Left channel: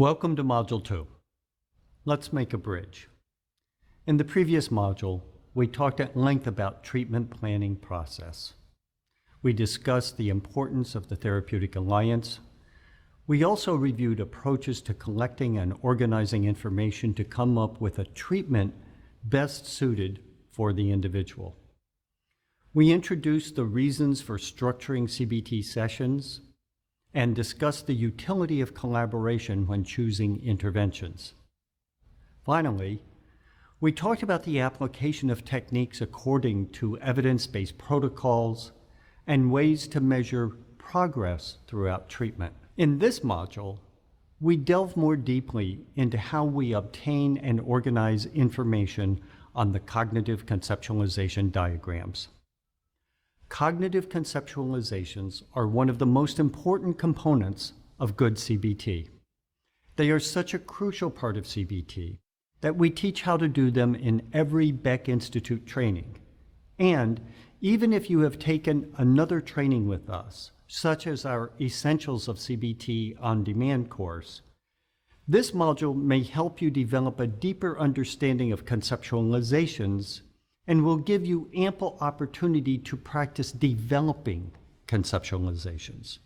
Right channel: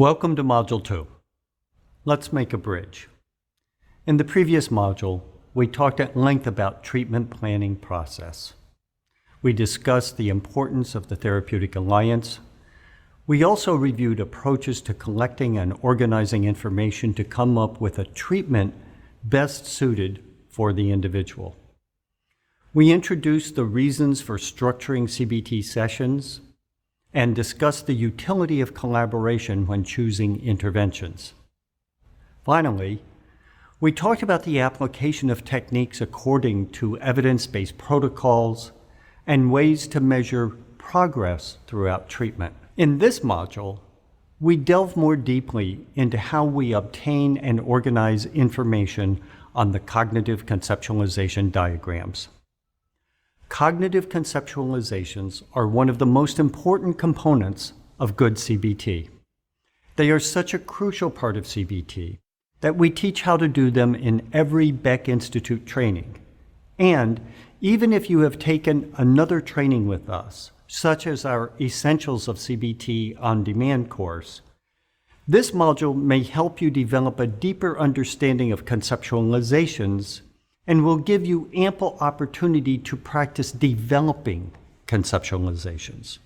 Welcome to Module 2. Let's make a bridge. In the previous module, we talked at length about treatment planning process. We discussed the importance of the therapeutic alliance. We also reviewed approaches to collecting and organizing information to come up with a treatment best suited for the individual. We introduced the reasons for structuring CBT sessions and discussed the utility of collaboration when choosing interventions. Finally, we talked about the application of techniques according to evidence-based protocols and ways to measure progress throughout treatment. In this module, we delve more deeply into how we obtain and organize information on the cognitive conceptualization diagrams. Cognitive conceptualizations are one of the most important components of good CBT. They are such a crucial part of CBT that we teach how to do them in every Beck Institute training. And even if you have taken another training with us, such as our Essentials of CBT On Demand course, this module may help you develop a deeper understanding of conceptualizations and will give you ample opportunity to practice developing conceptualizations.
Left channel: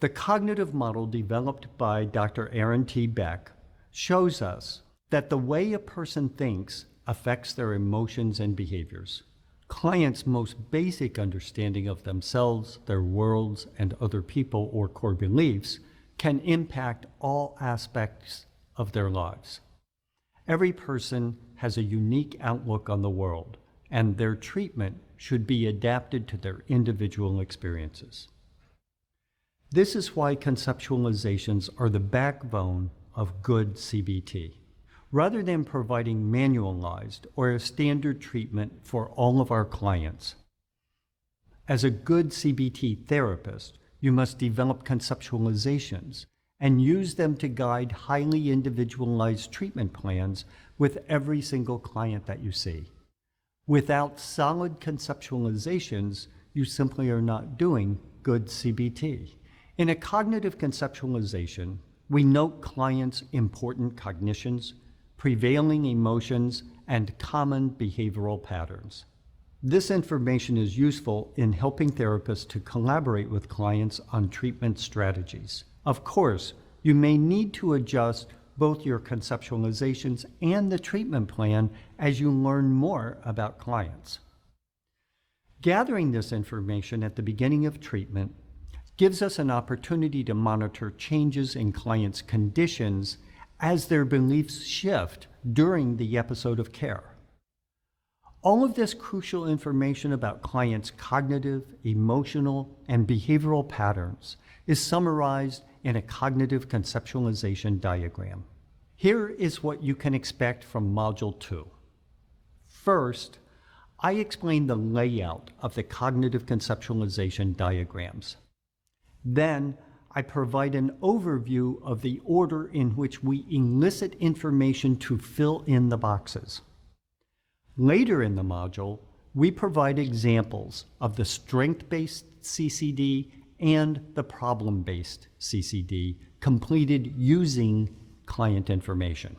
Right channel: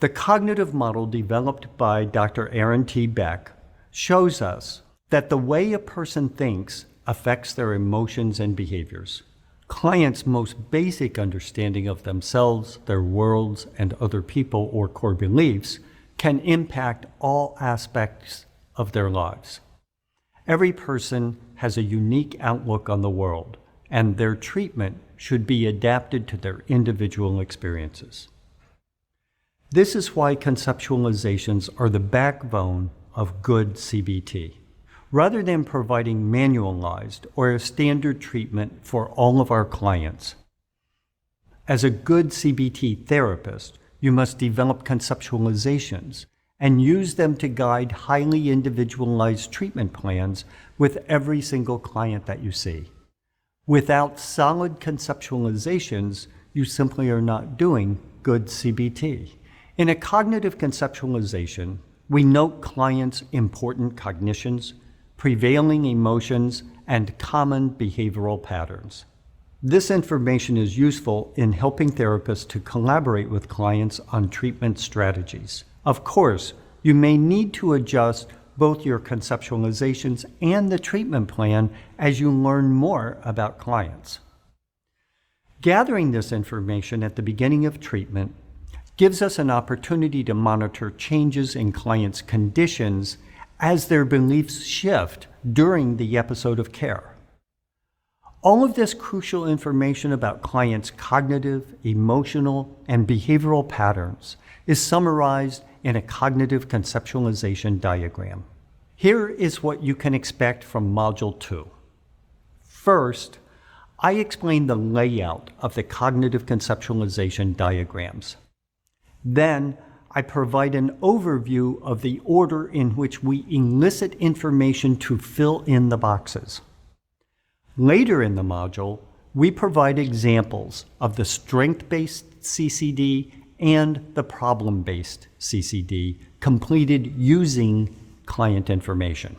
The cognitive model developed by Dr. Aaron T. Beck shows us that the way a person thinks affects their emotions and behaviors. Clients' most basic understanding of themselves, their worlds, and other people or core beliefs can impact all aspects of their lives. Every person has a unique outlook on the world, and their treatment should be adapted to their individual experiences. This is why conceptualizations are the backbone of good CBT. Rather than providing manualized or a standard treatment for all of our clients, as a good CBT therapist, you must develop conceptualizations and use them to guide highly individualized treatment plans with every single client that you see. Without solid conceptualizations, you simply are not doing good CBT. In a cognitive conceptualization, we note clients' important cognitions, prevailing emotions, and common behavioral patterns. This information is useful in helping therapists to collaborate with clients on treatment strategies. Of course, you may need to adjust both your conceptualizations and the treatment plan as you learn more about clients. Gathering this information at the beginning of treatment gives us an opportunity to monitor changes in clients' conditions as their beliefs shift during the episode of care. All of this crucial information about clients' cognitive, emotional, and behavioral patterns is summarized in a cognitive conceptualization diagram. Here is what you can expect from Module 2. First, I explain the layout of the cognitive conceptualization diagrams. Then, I provide an overview of the order in which we elicit information to fill in the boxes. Later in the module, we provide examples of the strength-based CCD and the problem-based CCD completed using client information.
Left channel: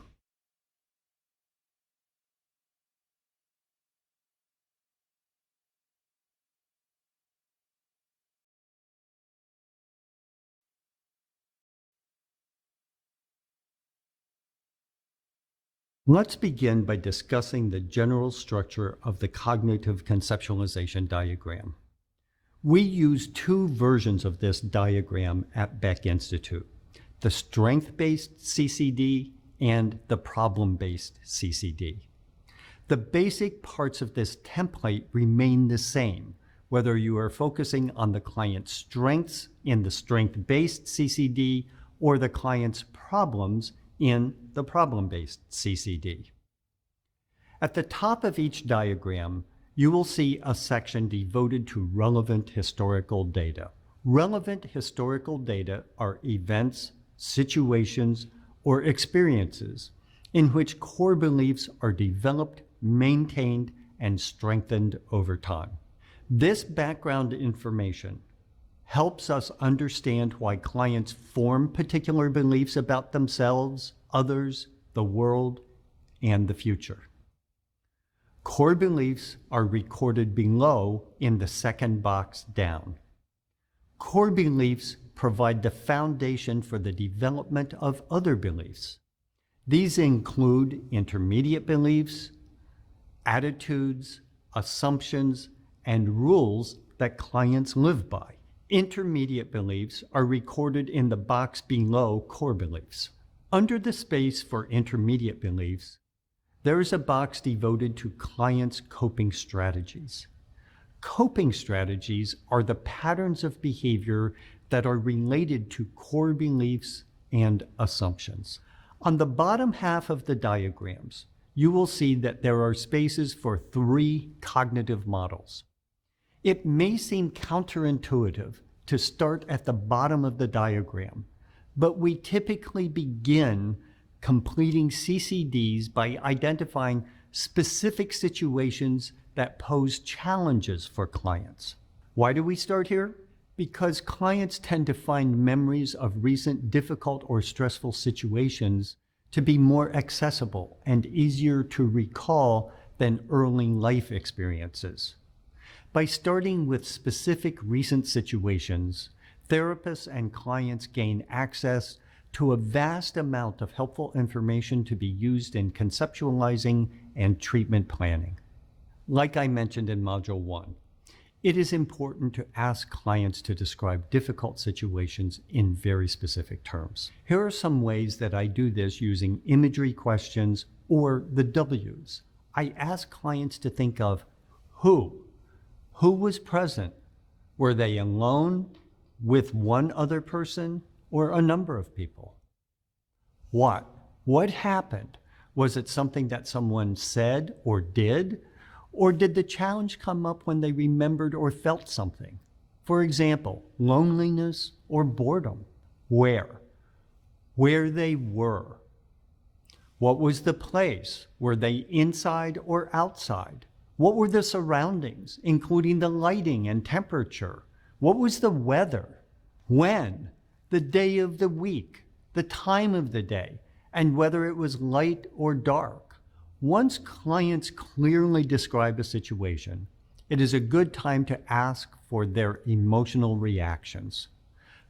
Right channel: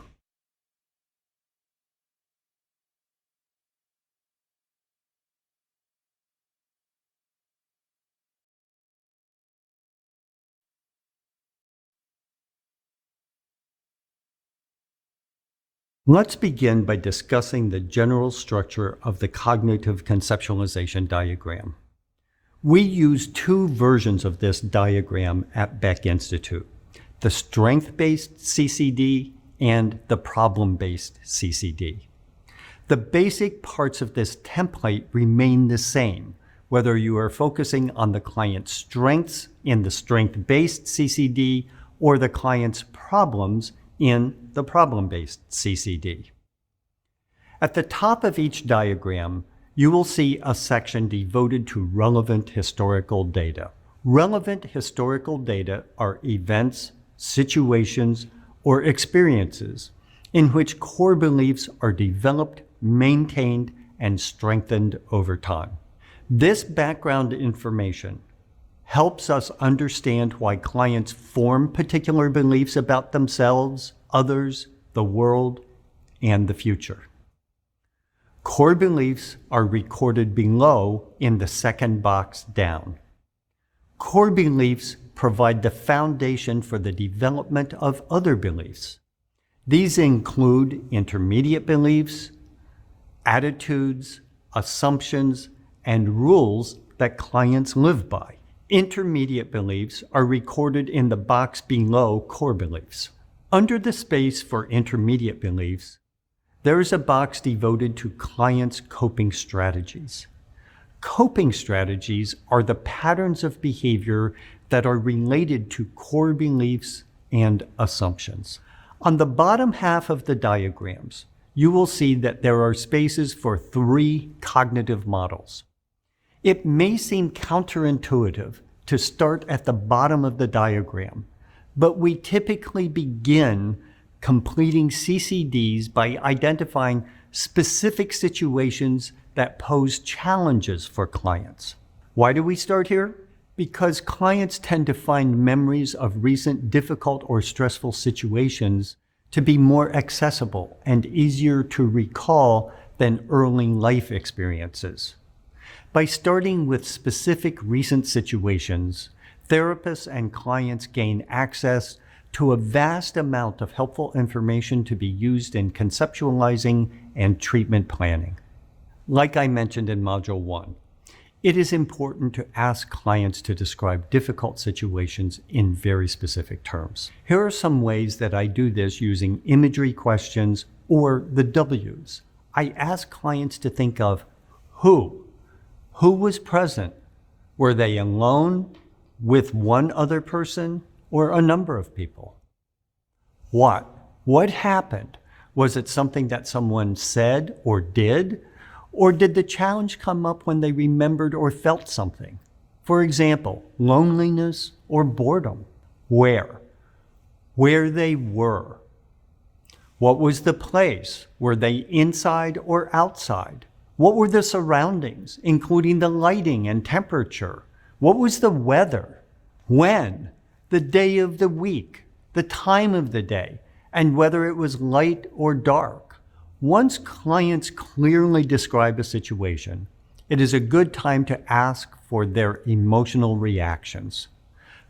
Let's begin by discussing the general structure of the cognitive conceptualization diagram. We use two versions of this diagram at Beck Institute, the strength-based CCD and the problem-based CCD. The basic parts of this template remain the same, whether you are focusing on the client's strengths in the strength-based CCD or the client's problems in the problem-based CCD. At the top of each diagram, you will see a section devoted to relevant historical data. Relevant historical data are events, situations, or experiences in which core beliefs are developed, maintained, and strengthened over time. This background information helps us understand why clients form particular beliefs about themselves, others, the world, and the future. Core beliefs are recorded below in the second box down. Core beliefs provide the foundation for the development of other beliefs. These include intermediate beliefs, attitudes, assumptions, and rules that clients live by. Intermediate beliefs are recorded in the box below core beliefs. Under the space for intermediate beliefs, there is a box devoted to clients' coping strategies. Coping strategies are the patterns of behavior that are related to core beliefs and assumptions. On the bottom half of the diagrams, you will see that there are spaces for 3 cognitive models. It may seem counterintuitive to start at the bottom of the diagram, but we typically begin completing CCDs by identifying specific situations that pose challenges for clients. Why do we start here? Because clients tend to find memories of recent difficult or stressful situations to be more accessible and easier to recall than early life experiences. By starting with specific recent situations, therapists and clients gain access to a vast amount of helpful information to be used in conceptualizing and treatment planning. Like I mentioned in Module 1, it is important to ask clients to describe difficult situations in very specific terms. Here are some ways that I do this using imagery questions or the W's. I ask clients to think of who. Who was present? Were they alone, with one other person, or a number of people? What? What happened? Was it something that someone said or did? Or did the challenge come up when they remembered or felt something? For example, loneliness or boredom. Where? Where they were. What was the place? Were they inside or outside? What were the surroundings, including the lighting and temperature? What was the weather? When? The day of the week, the time of the day, and whether it was light or dark. Once clients clearly describe a situation, it is a good time to ask for their emotional reactions.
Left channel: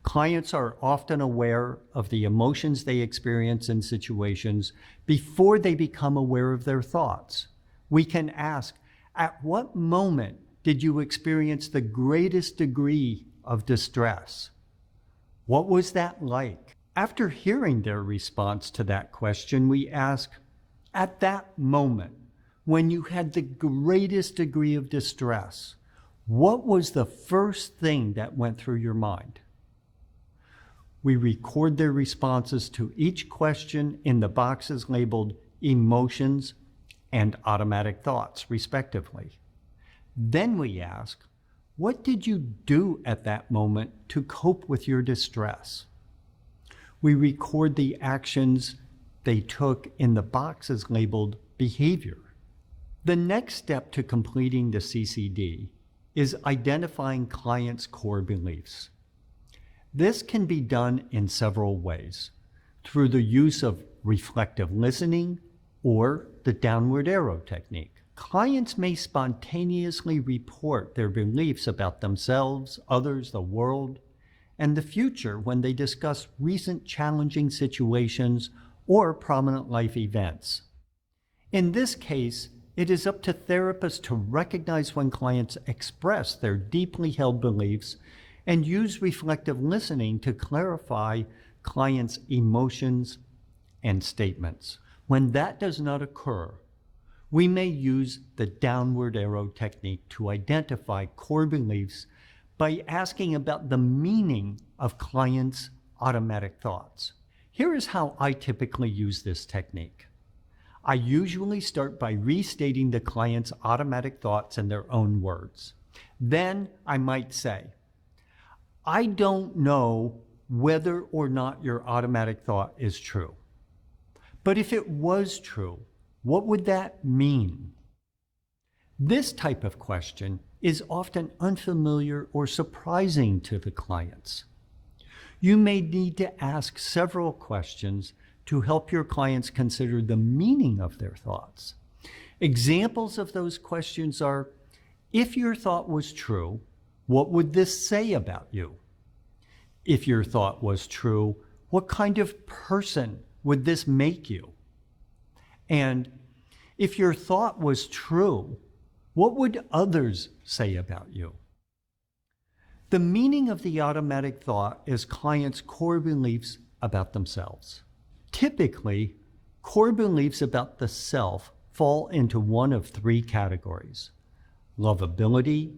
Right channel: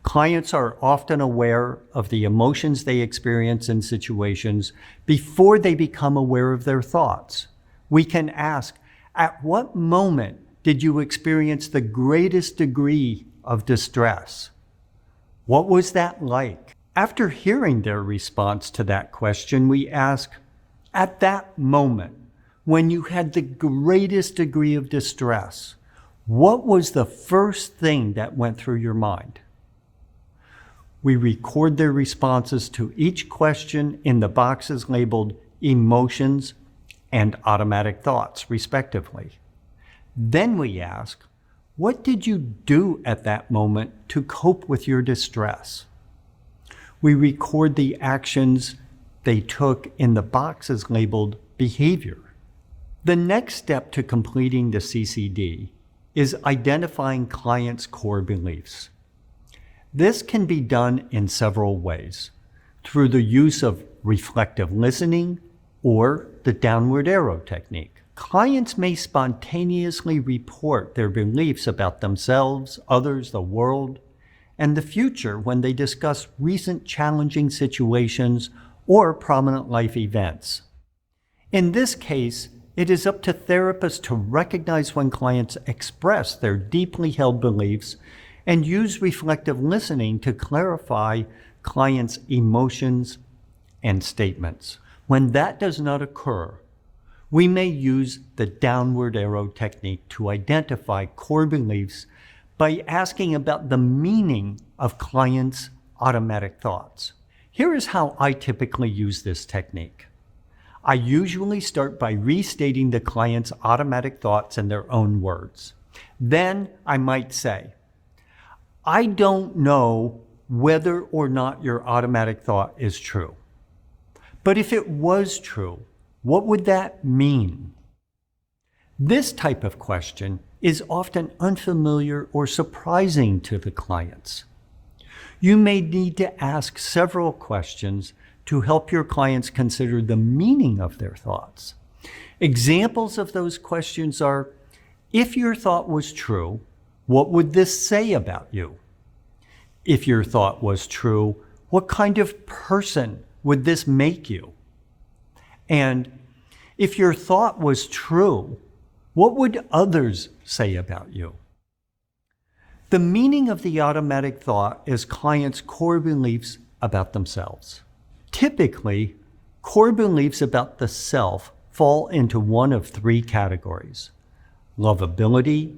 Clients are often aware of the emotions they experience in situations before they become aware of their thoughts. We can ask, at what moment did you experience the greatest degree of distress? What was that like? After hearing their response to that question, we ask, at that moment, when you had the greatest degree of distress, what was the first thing that went through your mind? We record their responses to each question in the boxes labeled emotions and automatic thoughts, respectively. Then we ask, what did you do at that moment to cope with your distress? We record the actions they took in the boxes labeled behavior. The next step to completing the CCD is identifying clients' core beliefs. This can be done in several ways, through the use of reflective listening or the downward arrow technique. Clients may spontaneously report their beliefs about themselves, others, the world, and the future when they discuss recent challenging situations or prominent life events. In this case, it is up to therapists to recognize when clients express their deeply held beliefs and use reflective listening to clarify clients' emotions and statements. When that does not occur, we may use the downward arrow technique to identify core beliefs by asking about the meaning of clients' automatic thoughts. Here is how I typically use this technique. I usually start by restating the client's automatic thoughts in their own words. Then I might say, I don't know whether or not your automatic thought is true. But if it was true, what would that mean? This type of question is often unfamiliar or surprising to the clients. You may need to ask several questions to help your clients consider the meaning of their thoughts. Examples of those questions are, if your thought was true, what would this say about you? If your thought was true, what kind of person would this make you? And if your thought was true, what would others say about you? The meaning of the automatic thought is clients' core beliefs about themselves. Typically, core beliefs about the self fall into one of three categories: lovability,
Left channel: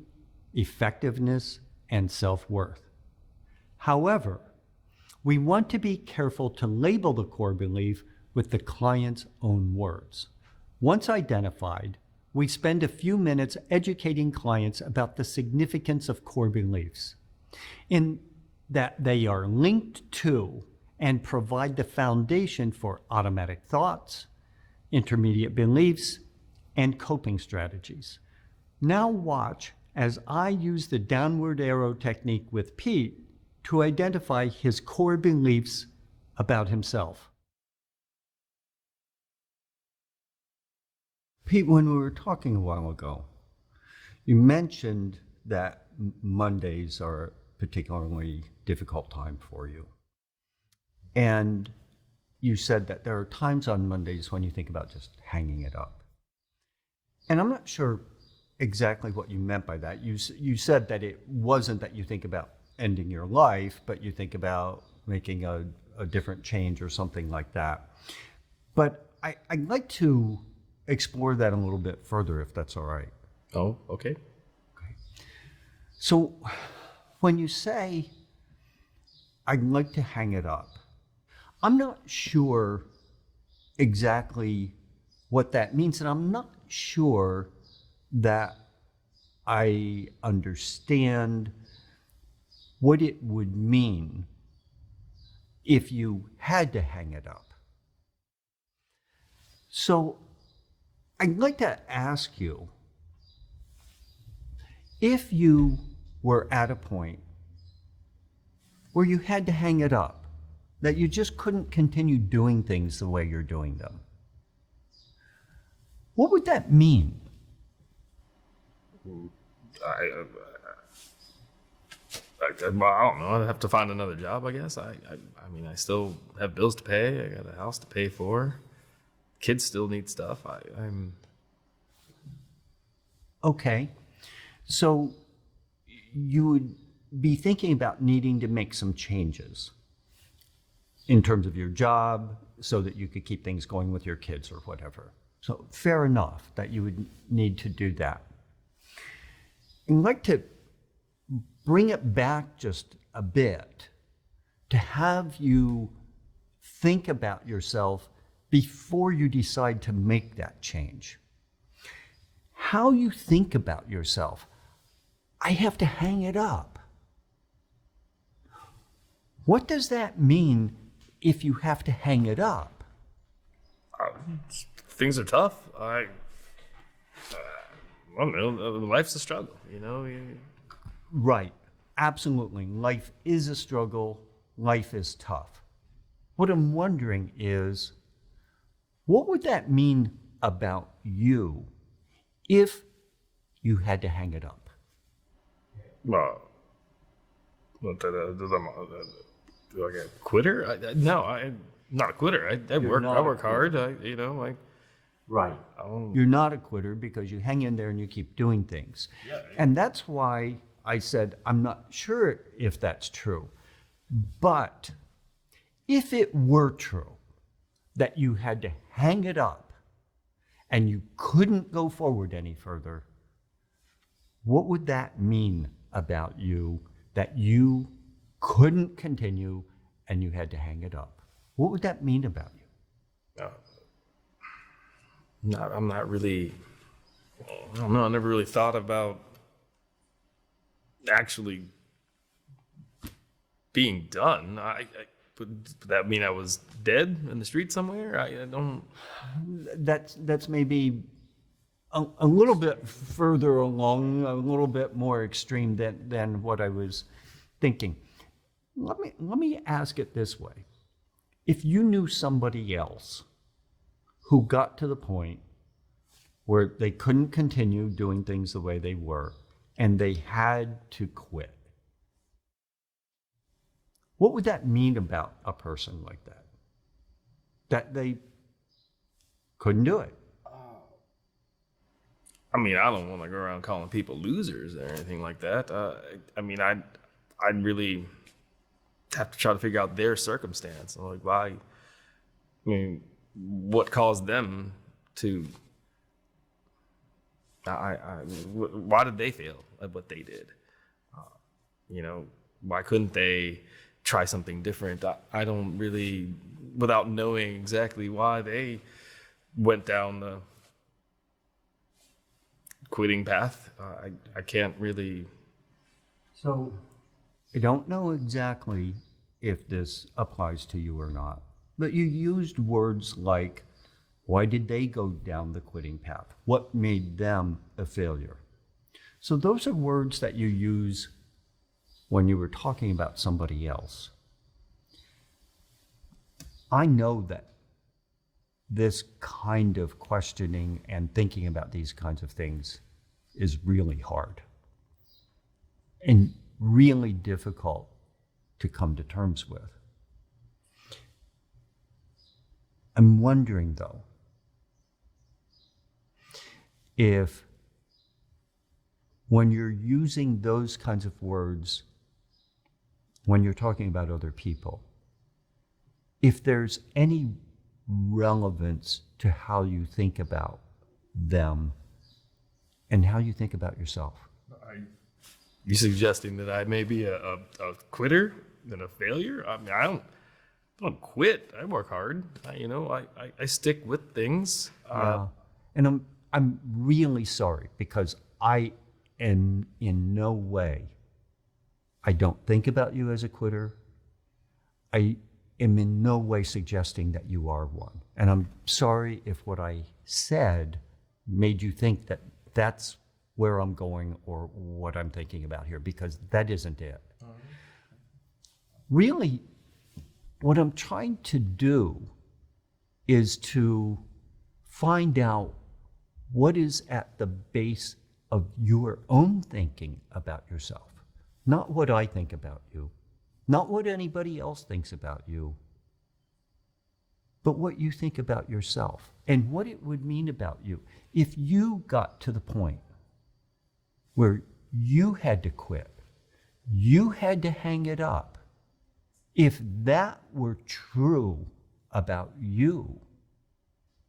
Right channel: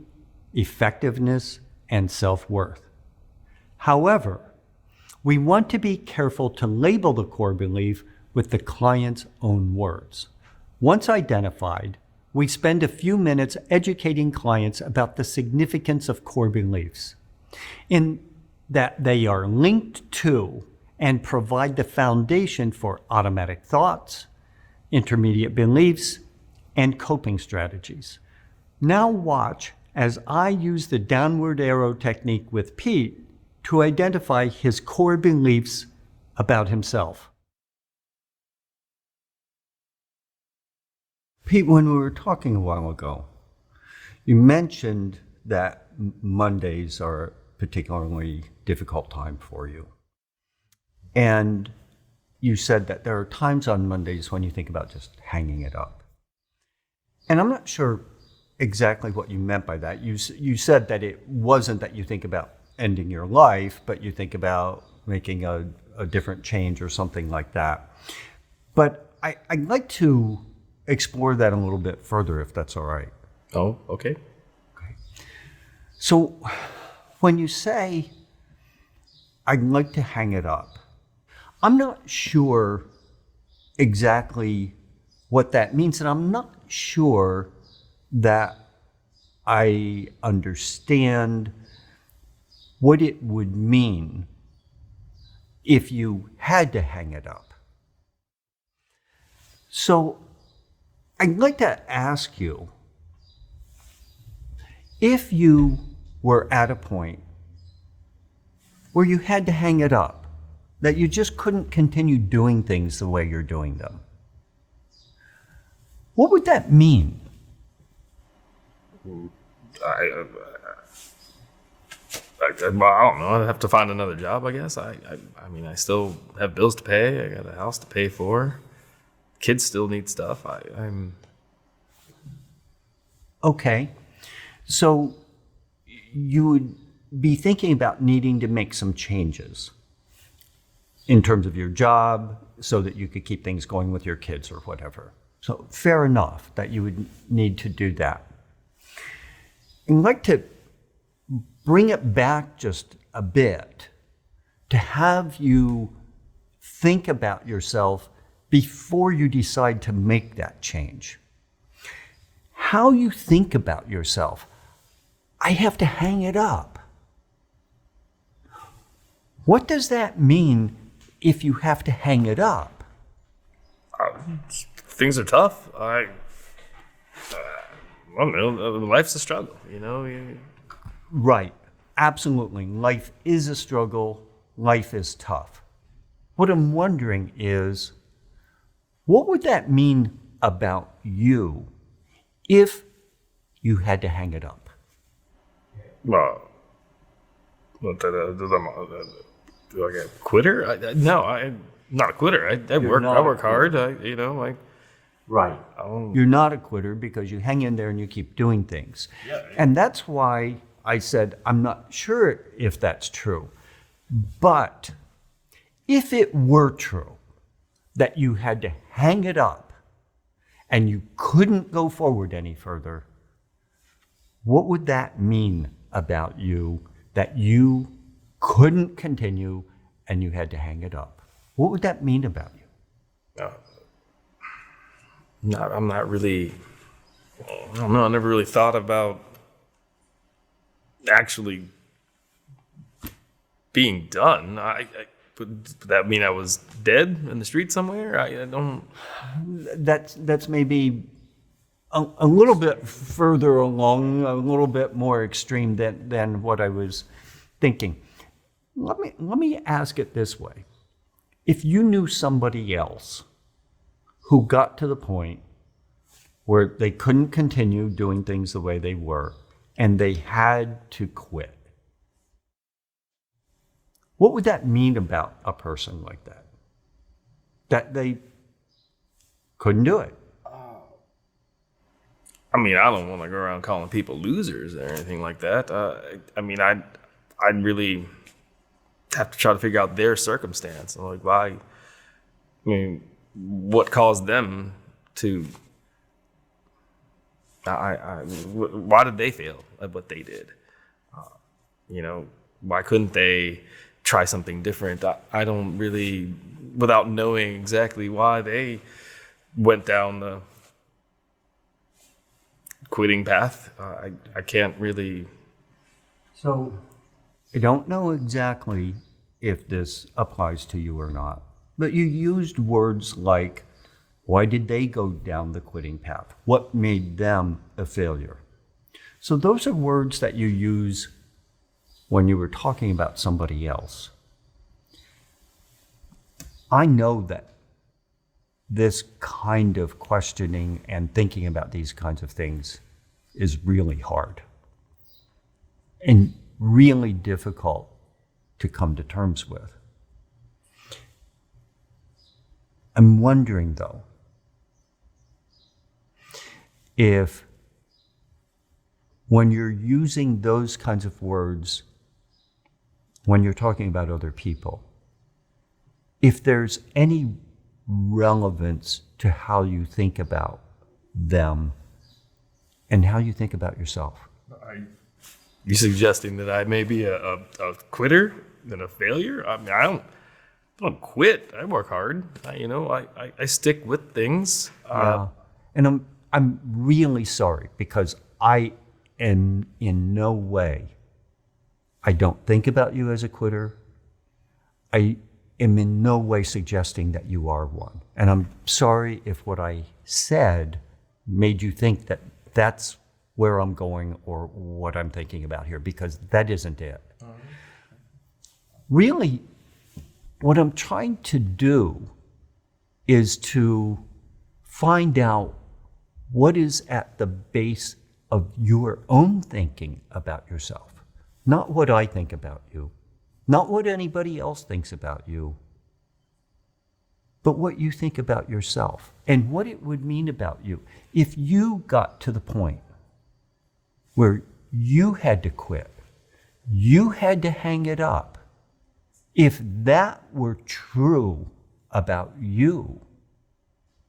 effectiveness, and self-worth. However, we want to be careful to label the core belief with the client's own words. Once identified, we spend a few minutes educating clients about the significance of core beliefs, in that they are linked to and provide the foundation for automatic thoughts, intermediate beliefs, and coping strategies. Now watch as I use the downward arrow technique with Pete to identify his core beliefs about himself. Pete, when we were talking a while ago, you mentioned that Mondays are a particularly difficult time for you. And you said that there are times on Mondays when you think about just hanging it up. And I'm not sure exactly what you meant by that. You said that it wasn't that you think about ending your life, but you think about making a different change or something like that. But I'd like to explore that a little bit further, if that's all right. Oh, okay. So when you say, I'd like to hang it up, I'm not sure exactly what that means, and I'm not sure that I understand what it would mean if you had to hang it up. So I'd like to ask you, if you were at a point where you had to hang it up, that you just couldn't continue doing things the way you're doing them, what would that mean? I don't know. I'd have to find another job, I guess. I mean, I still have bills to pay. I got a house to pay for. Kids still need stuff. I'm Okay, so you would be thinking about needing to make some changes in terms of your job so that you could keep things going with your kids or whatever. So fair enough that you would need to do that. I'd like to bring it back just a bit to have you think about yourself before you decide to make that change. How you think about yourself, I have to hang it up. What does that mean if you have to hang it up? Things are tough. I don't know. Life's a struggle, you know. Right, absolutely. Life is a struggle. Life is tough. What I'm wondering is, what would that mean about you if you had to hang it up? Well, do I get a quitter? No, I'm not a quitter. I work hard. Right. You're not a quitter because you hang in there and you keep doing things. Yeah. And that's why I said, I'm not sure if that's true. But if it were true that you had to hang it up and you couldn't go forward any further, what would that mean about you that you couldn't continue and you had to hang it up? What would that mean about you? I'm not really, I don't know, I never really thought about actually being done. Would that mean I was dead in the street somewhere? I don't. That's maybe a little bit further along, a little bit more extreme than what I was thinking. Let me ask it this way. If you knew somebody else who got to the point where they couldn't continue doing things the way they were and they had to quit, what would that mean about a person like that? That they couldn't do it. I mean, I don't want to go around calling people losers or anything like that. I mean, I'd really have to try to figure out their circumstance and like why. I mean, what caused them to? Why did they fail at what they did? You know, why couldn't they try something different? I don't really, without knowing exactly why they went down the quitting path, I can't really. So I don't know exactly if this applies to you or not, but you used words like, why did they go down the quitting path? What made them a failure? So those are words that you use when you were talking about somebody else. I know that this kind of questioning and thinking about these kinds of things is really hard and really difficult to come to terms with. I'm wondering, though, if when you're using those kinds of words, when you're talking about other people, if there's any relevance to how you think about them and how you think about yourself. You suggesting that I may be a quitter and a failure? I mean, I don't quit. I work hard. I stick with things. Yeah. And I'm really sorry because I am in no way, I don't think about you as a quitter. I am in no way suggesting that you are one. And I'm sorry if what I said made you think that that's where I'm going or what I'm thinking about here, because that isn't it. Really, what I'm trying to do is to find out what is at the base of your own thinking about yourself. Not what I think about you, not what anybody else thinks about you, but what you think about yourself and what it would mean about you if you got to the point where you had to quit, you had to hang it up. If that were true about you,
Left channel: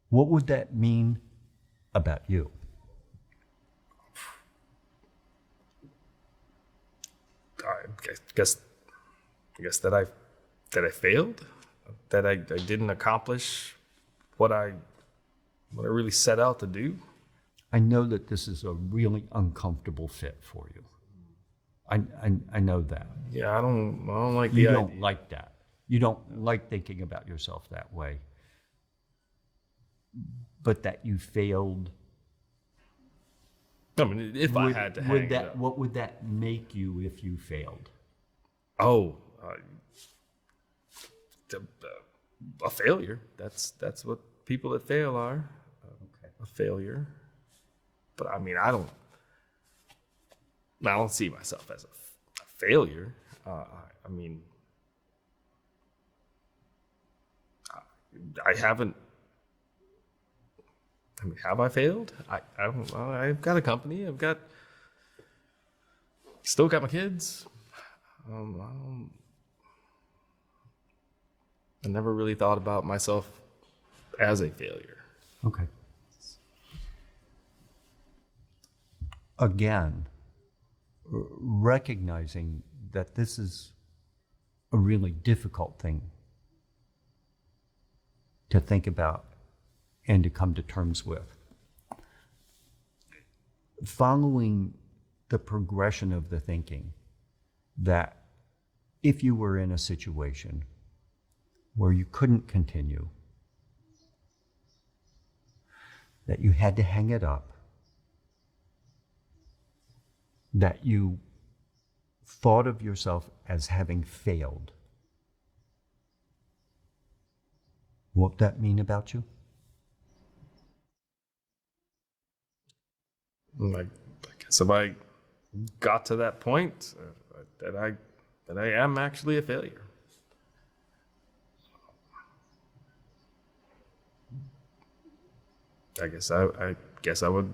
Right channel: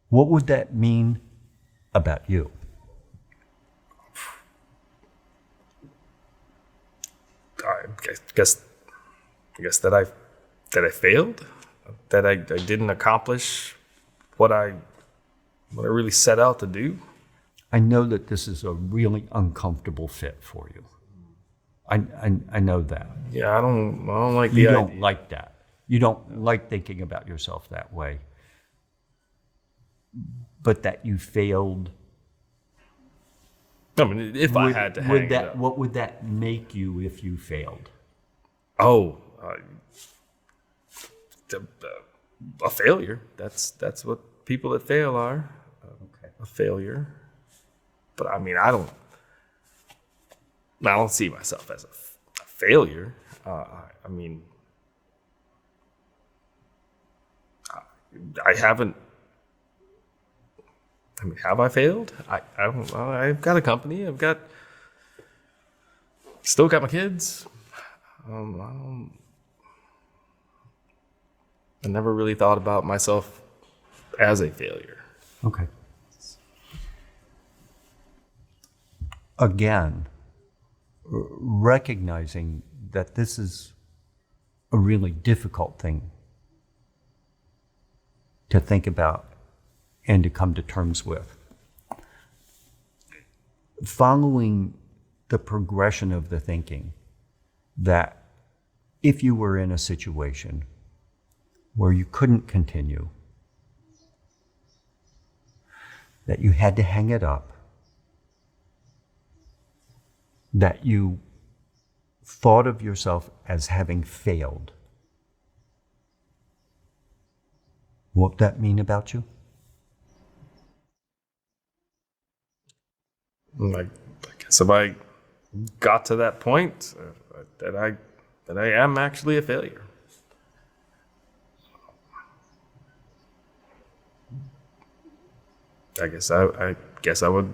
what would that mean about you? I guess that I failed, that I didn't accomplish what I really set out to do. I know that this is a really uncomfortable fit for you. I know that. Yeah, I don't like the You idea. don't like that. You don't like thinking about yourself that way. But that you failed. I mean, if I had to hang it up. What would that make you if you failed? Oh, a failure. That's what people that fail are. A failure. But I mean, I don't see myself as a failure. I mean, I haven't. I mean, have I failed? I don't know. I've got a company. Still got my kids. I never really thought about myself as a failure. Okay. Again, recognizing that this is a really difficult thing to think about and to come to terms with. Following the progression of the thinking that if you were in a situation where you couldn't continue, that you had to hang it up, that you thought of yourself as having failed, what would that mean about you? I guess if I got to that point, that I am actually a failure. I guess I would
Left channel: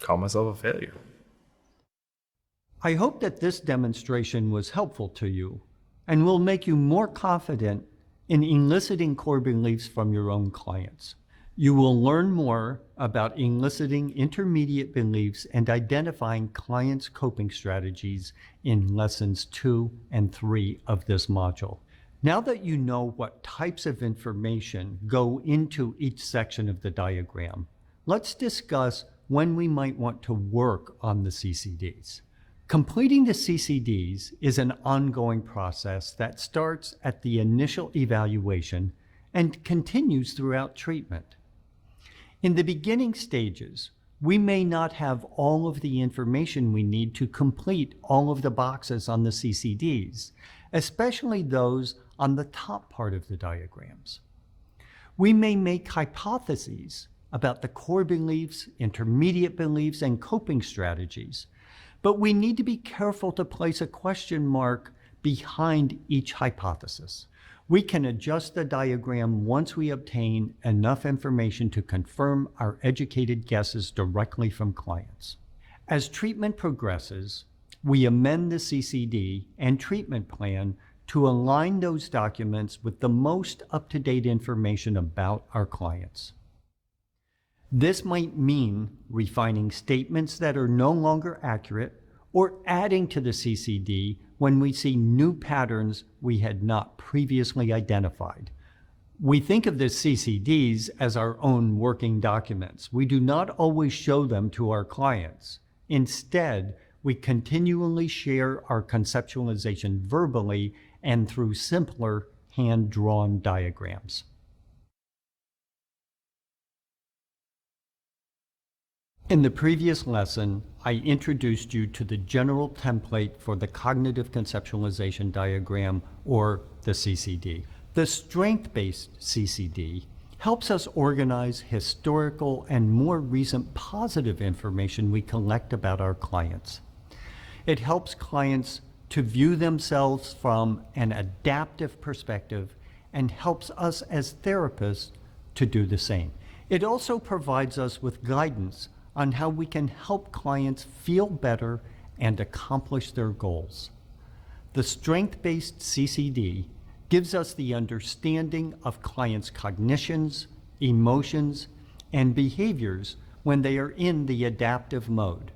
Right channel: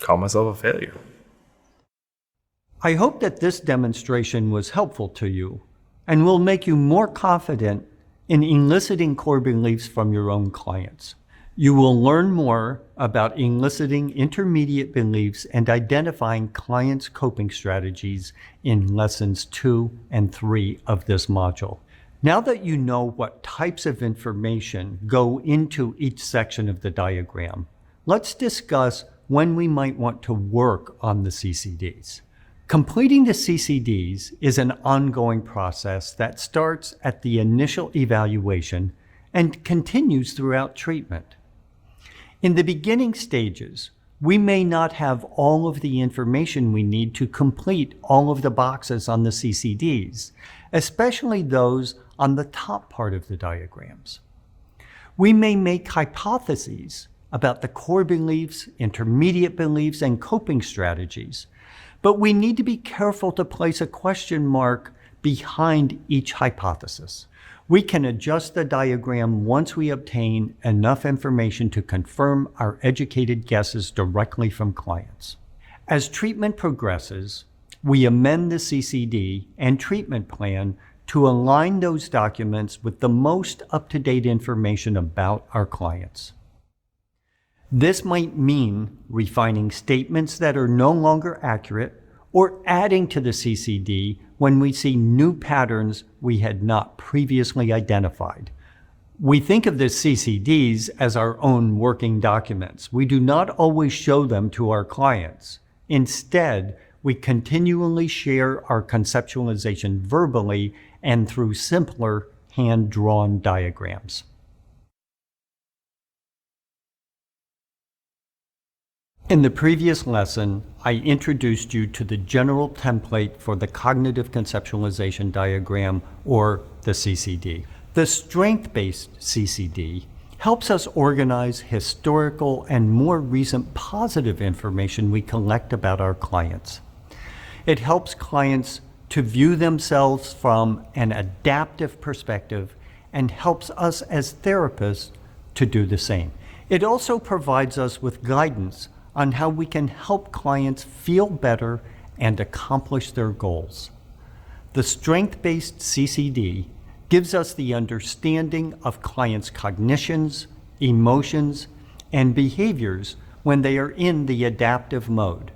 call myself a failure. I hope that this demonstration was helpful to you and will make you more confident in eliciting core beliefs from your own clients. You will learn more about eliciting intermediate beliefs and identifying clients' coping strategies in lessons 2 and 3 of this module. Now that you know what types of information go into each section of the diagram, let's discuss when we might want to work on the CCDs. Completing the CCDs is an ongoing process that starts at the initial evaluation and continues throughout treatment. In the beginning stages, we may not have all of the information we need to complete all of the boxes on the CCDs, especially those on the top part of the diagrams. We may make hypotheses about the core beliefs, intermediate beliefs, and coping strategies, but we need to be careful to place a question mark behind each hypothesis. We can adjust the diagram once we obtain enough information to confirm our educated guesses directly from clients. As treatment progresses, we amend the CCD and treatment plan to align those documents with the most up-to-date information about our clients. This might mean refining statements that are no longer accurate or adding to the CCD when we see new patterns we had not previously identified. We think of the CCDs as our own working documents. We do not always show them to our clients. Instead, we continually share our conceptualization verbally and through simpler hand-drawn diagrams. In the previous lesson, I introduced you to the general template for the cognitive conceptualization diagram, or the CCD. The strength-based CCD helps us organize historical and more recent positive information we collect about our clients. It helps clients to view themselves from an adaptive perspective and helps us as therapists to do the same. It also provides us with guidance on how we can help clients feel better and accomplish their goals. The strength-based CCD gives us the understanding of clients' cognitions, emotions, and behaviors when they are in the adaptive mode.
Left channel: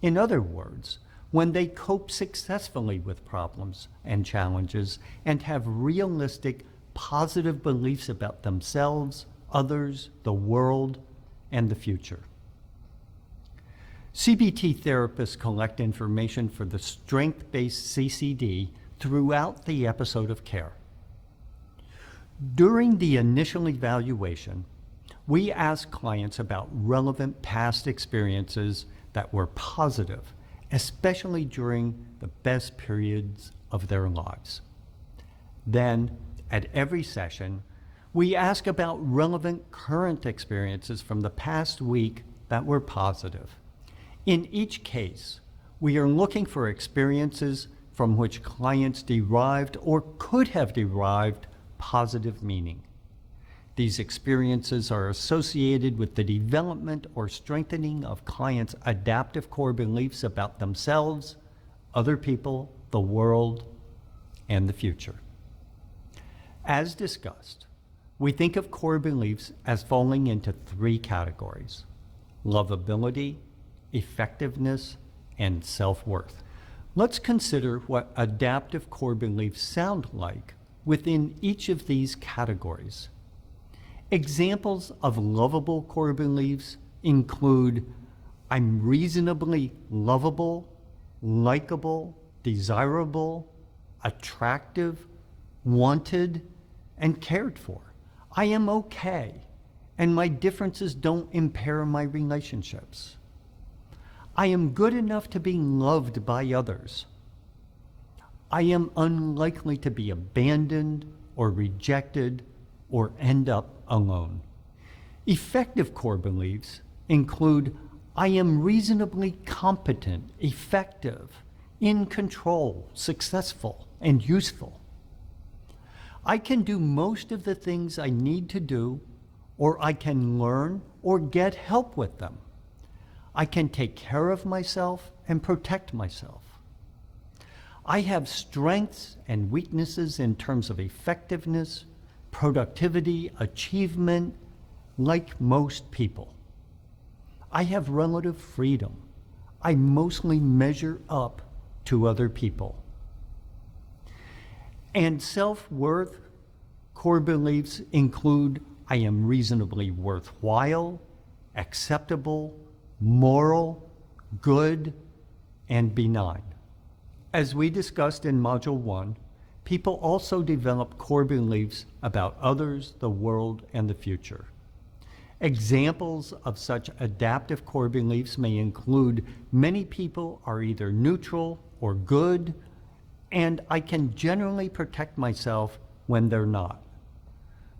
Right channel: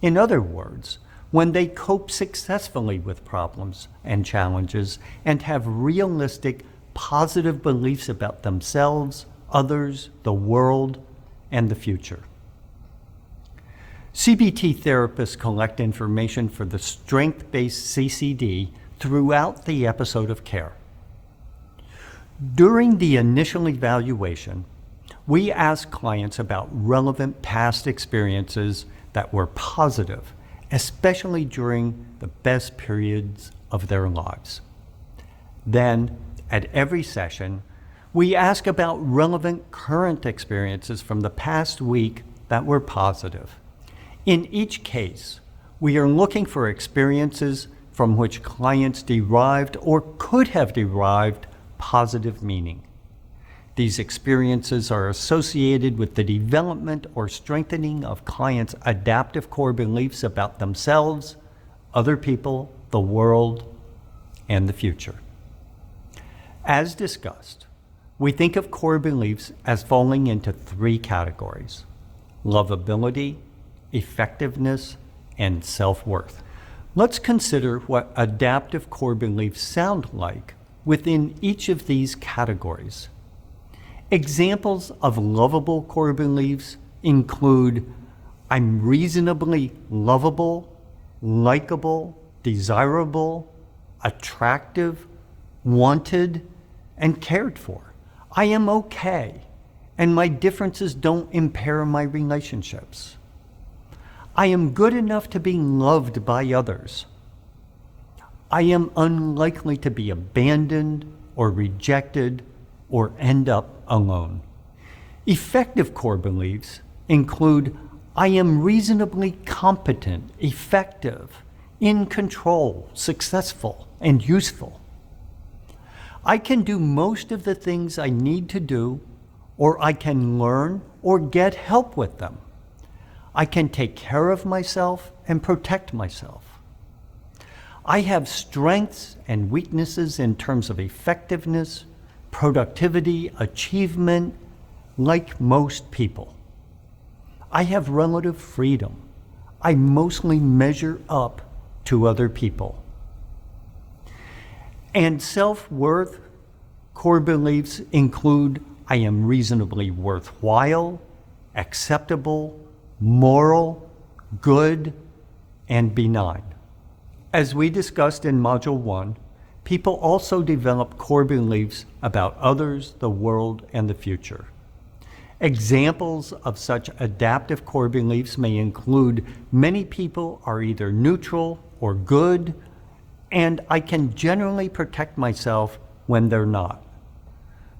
In other words, when they cope successfully with problems and challenges and have realistic, positive beliefs about themselves, others, the world, and the future. CBT therapists collect information for the strength-based CCD throughout the episode of care. During the initial evaluation, we ask clients about relevant past experiences that were positive, especially during the best periods of their lives. Then, at every session, we ask about relevant current experiences from the past week that were positive. In each case, we are looking for experiences from which clients derived or could have derived positive meaning. These experiences are associated with the development or strengthening of clients' adaptive core beliefs about themselves, other people, the world, and the future. As discussed, we think of core beliefs as falling into 3 categories: lovability, effectiveness, and self-worth. Let's consider what adaptive core beliefs sound like within each of these categories. Examples of lovable core beliefs include: I'm reasonably lovable, likable, desirable, attractive, wanted, and cared for. I am okay, and my differences don't impair my relationships. I am good enough to be loved by others. I am unlikely to be abandoned or rejected or end up alone. Effective core beliefs include I am reasonably competent, effective, in control, successful, and useful. I can do most of the things I need to do, or I can learn or get help with them. I can take care of myself and protect myself. I have strengths and weaknesses in terms of effectiveness, productivity, achievement, like most people. I have relative freedom. I mostly measure up to other people. And self-worth core beliefs include I am reasonably worthwhile, acceptable, moral, good, and benign. As we discussed in Module 1, people also develop core beliefs about others, the world, and the future. Examples of such adaptive core beliefs may include many people are either neutral or good, and I can generally protect myself when they're not.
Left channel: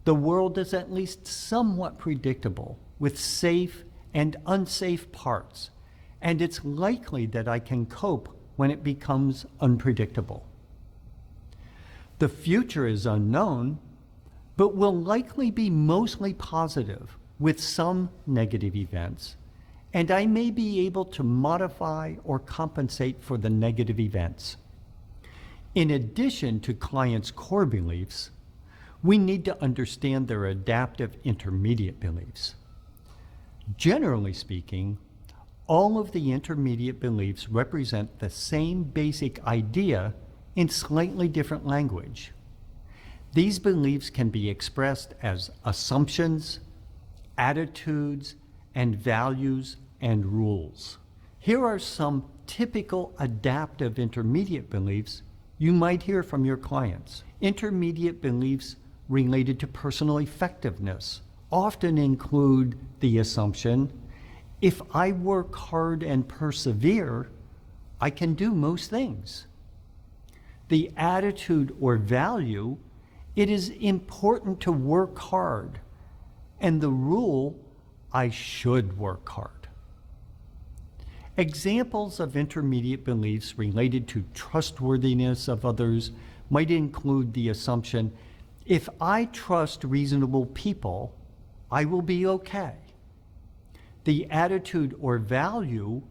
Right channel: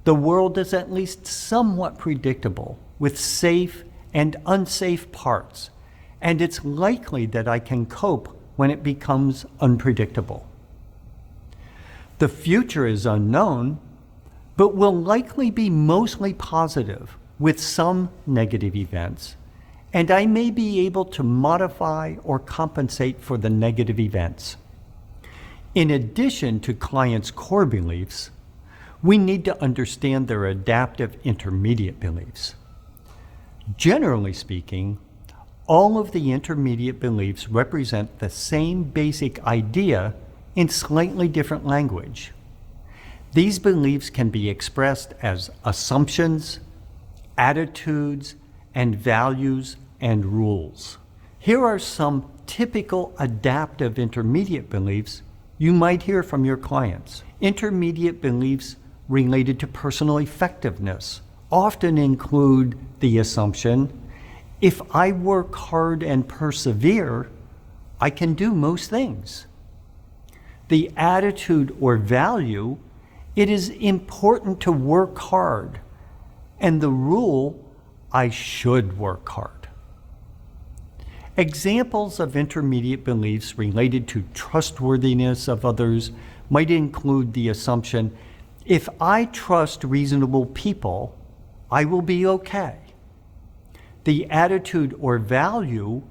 The world is at least somewhat predictable, with safe and unsafe parts, and it's likely that I can cope when it becomes unpredictable. The future is unknown, but will likely be mostly positive, with some negative events, and I may be able to modify or compensate for the negative events. In addition to clients' core beliefs, we need to understand their adaptive intermediate beliefs. Generally speaking, all of the intermediate beliefs represent the same basic idea in slightly different language. These beliefs can be expressed as assumptions, attitudes, and values and rules. Here are some typical adaptive intermediate beliefs you might hear from your clients. Intermediate beliefs related to personal effectiveness often include the assumption, if I work hard and persevere, I can do most things. The attitude or value, it is important to work hard, and the rule, I should work hard. Examples of intermediate beliefs related to trustworthiness of others might include the assumption, if I trust reasonable people, I will be okay. The attitude or value,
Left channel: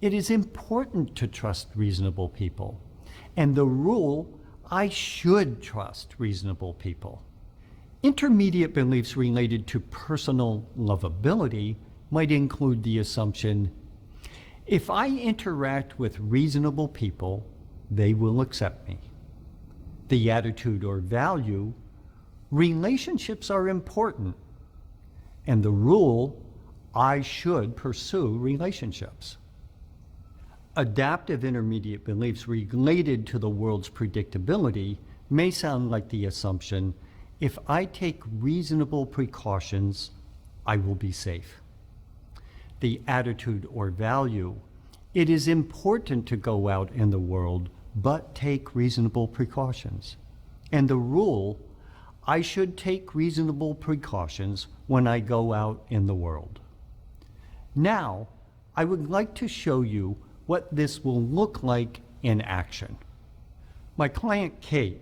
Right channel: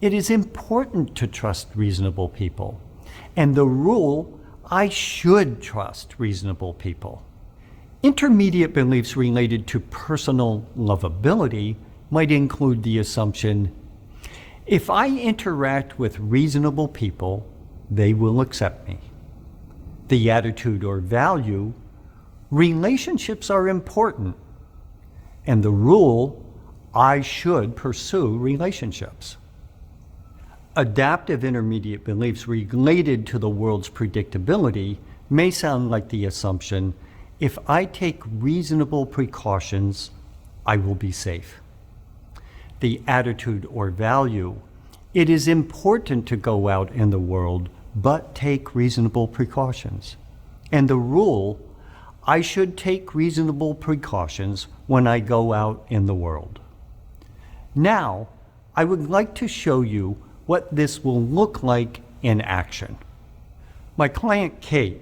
it is important to trust reasonable people, and the rule, I should trust reasonable people. Intermediate beliefs related to personal lovability might include the assumption, if I interact with reasonable people, they will accept me. The attitude or value, relationships are important, and the rule, I should pursue relationships. Adaptive intermediate beliefs related to the world's predictability may sound like the assumption, if I take reasonable precautions, I will be safe. The attitude or value, it is important to go out in the world, but take reasonable precautions. And the rule, I should take reasonable precautions when I go out in the world. Now, I would like to show you what this will look like in action. My client Kate,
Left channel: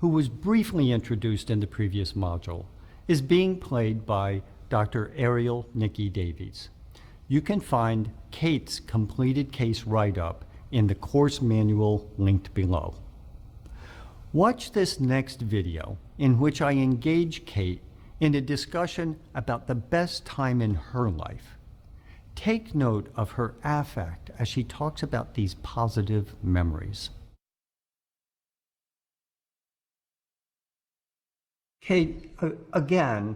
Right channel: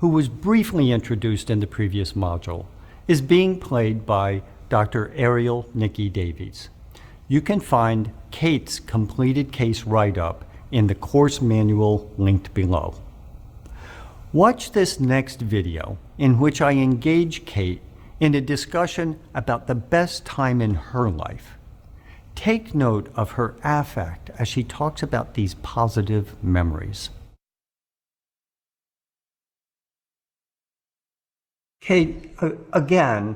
who was briefly introduced in the previous module, is being played by Dr. Ariel Nikki Davies. You can find Kate's completed case write-up in the course manual linked below. Watch this next video in which I engage Kate in a discussion about the best time in her life. Take note of her affect as she talks about these positive memories. Kate, again,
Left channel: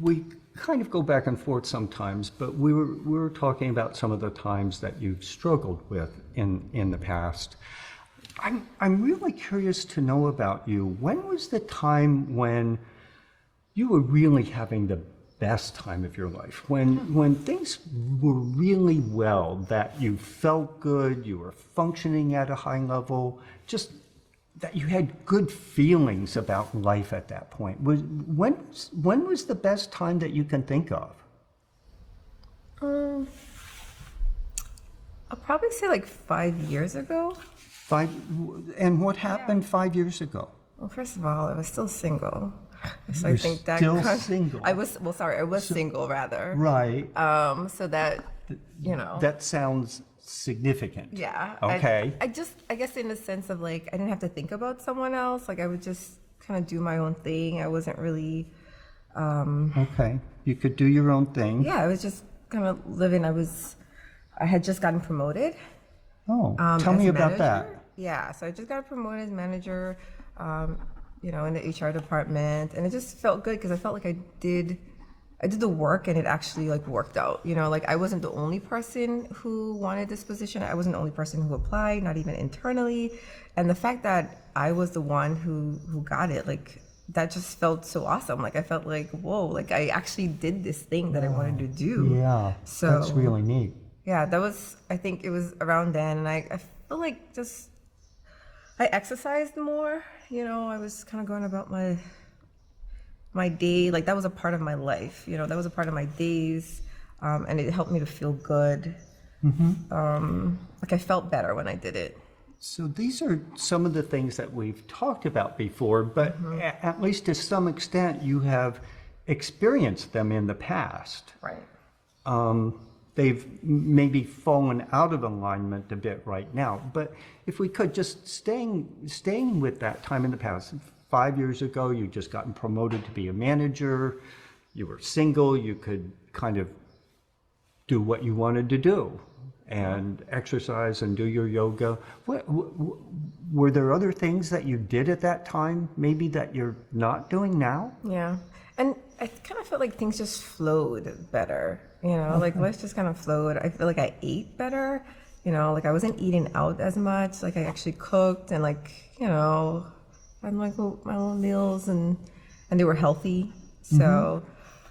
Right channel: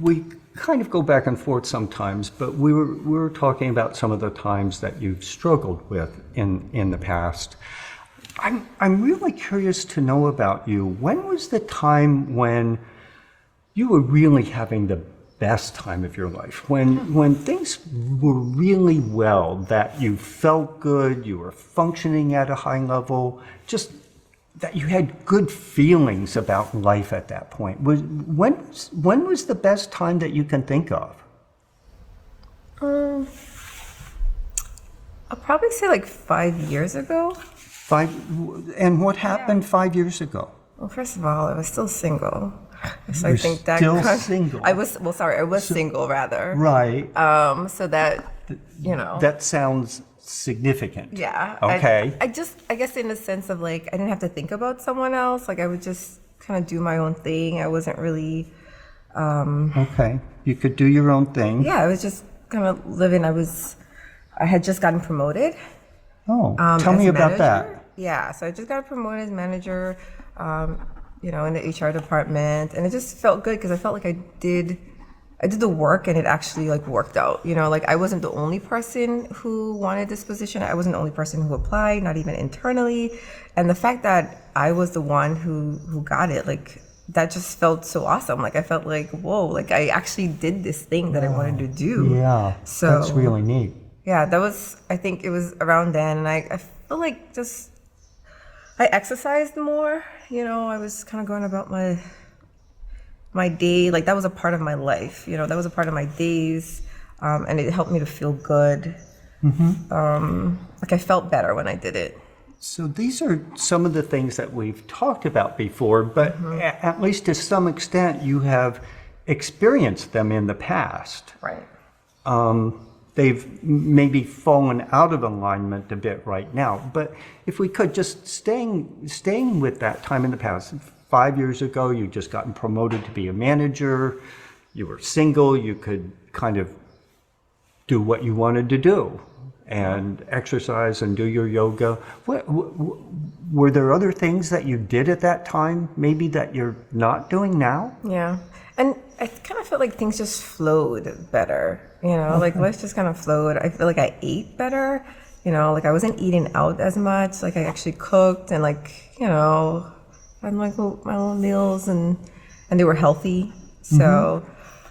we kind of go back and forth sometimes, but we were talking about some of the times that you've struggled with in the past. I'm really curious to know about you. When was the time when you were really having the best time of your life, when things were really well, that you felt good, you were functioning at a high level, just that you had good feelings about life at that point. When was the best time that you can think of? I'll probably say like 5 years ago. And what happened 5 years ago? Well, first of all, I was still single. So You're I think that still single. I was single rather. Right. So that, you know. That sounds significant. Yeah. Okay. I guess in the sense of like, I didn't have to think about someone else. Like I would just kind of do my own thing. I wasn't really. Okay. You could do your own thing. Yeah, I was just kind of living. I had just gotten promoted. Oh, tell me about manager. that. Yeah, so I just got promoted as manager, you know, in the HR department, and it just felt good because I felt like I did the work and it actually like worked out. You know, like I wasn't the only person who wanted this position. I wasn't the only person who applied, not even internally. And the fact that I was the one who got it, like that just felt so awesome. Like I felt like, whoa, like I actually did this thing that I wanted to do. Yeah, So that's really neat. yeah, I think it was around then, and I felt like I exercised more, you know, I was kind of going about my day, like that was a part of my life, you know, that was a part of my days, and it helped me to feel good. Like I felt better when I did it. So these are some of the things that we've talked about before, but at least to some extent you have experienced them in the past. Right. They've maybe fallen out of alignment a bit right now, but if we could just staying with that time in the past, 5 years ago, you just gotten promoted to be a manager, you were single, you could kind of do what you wanted to do and exercise and do your yoga. Were there other things that you did at that time, maybe that you're not doing now? Yeah. And I kind of felt like things just flowed better, you know, like life just kind of flowed. I feel like I ate better, you know, like I wasn't eating out as much. Like I actually cooked and like, you know, had like my own meals and they were healthy. So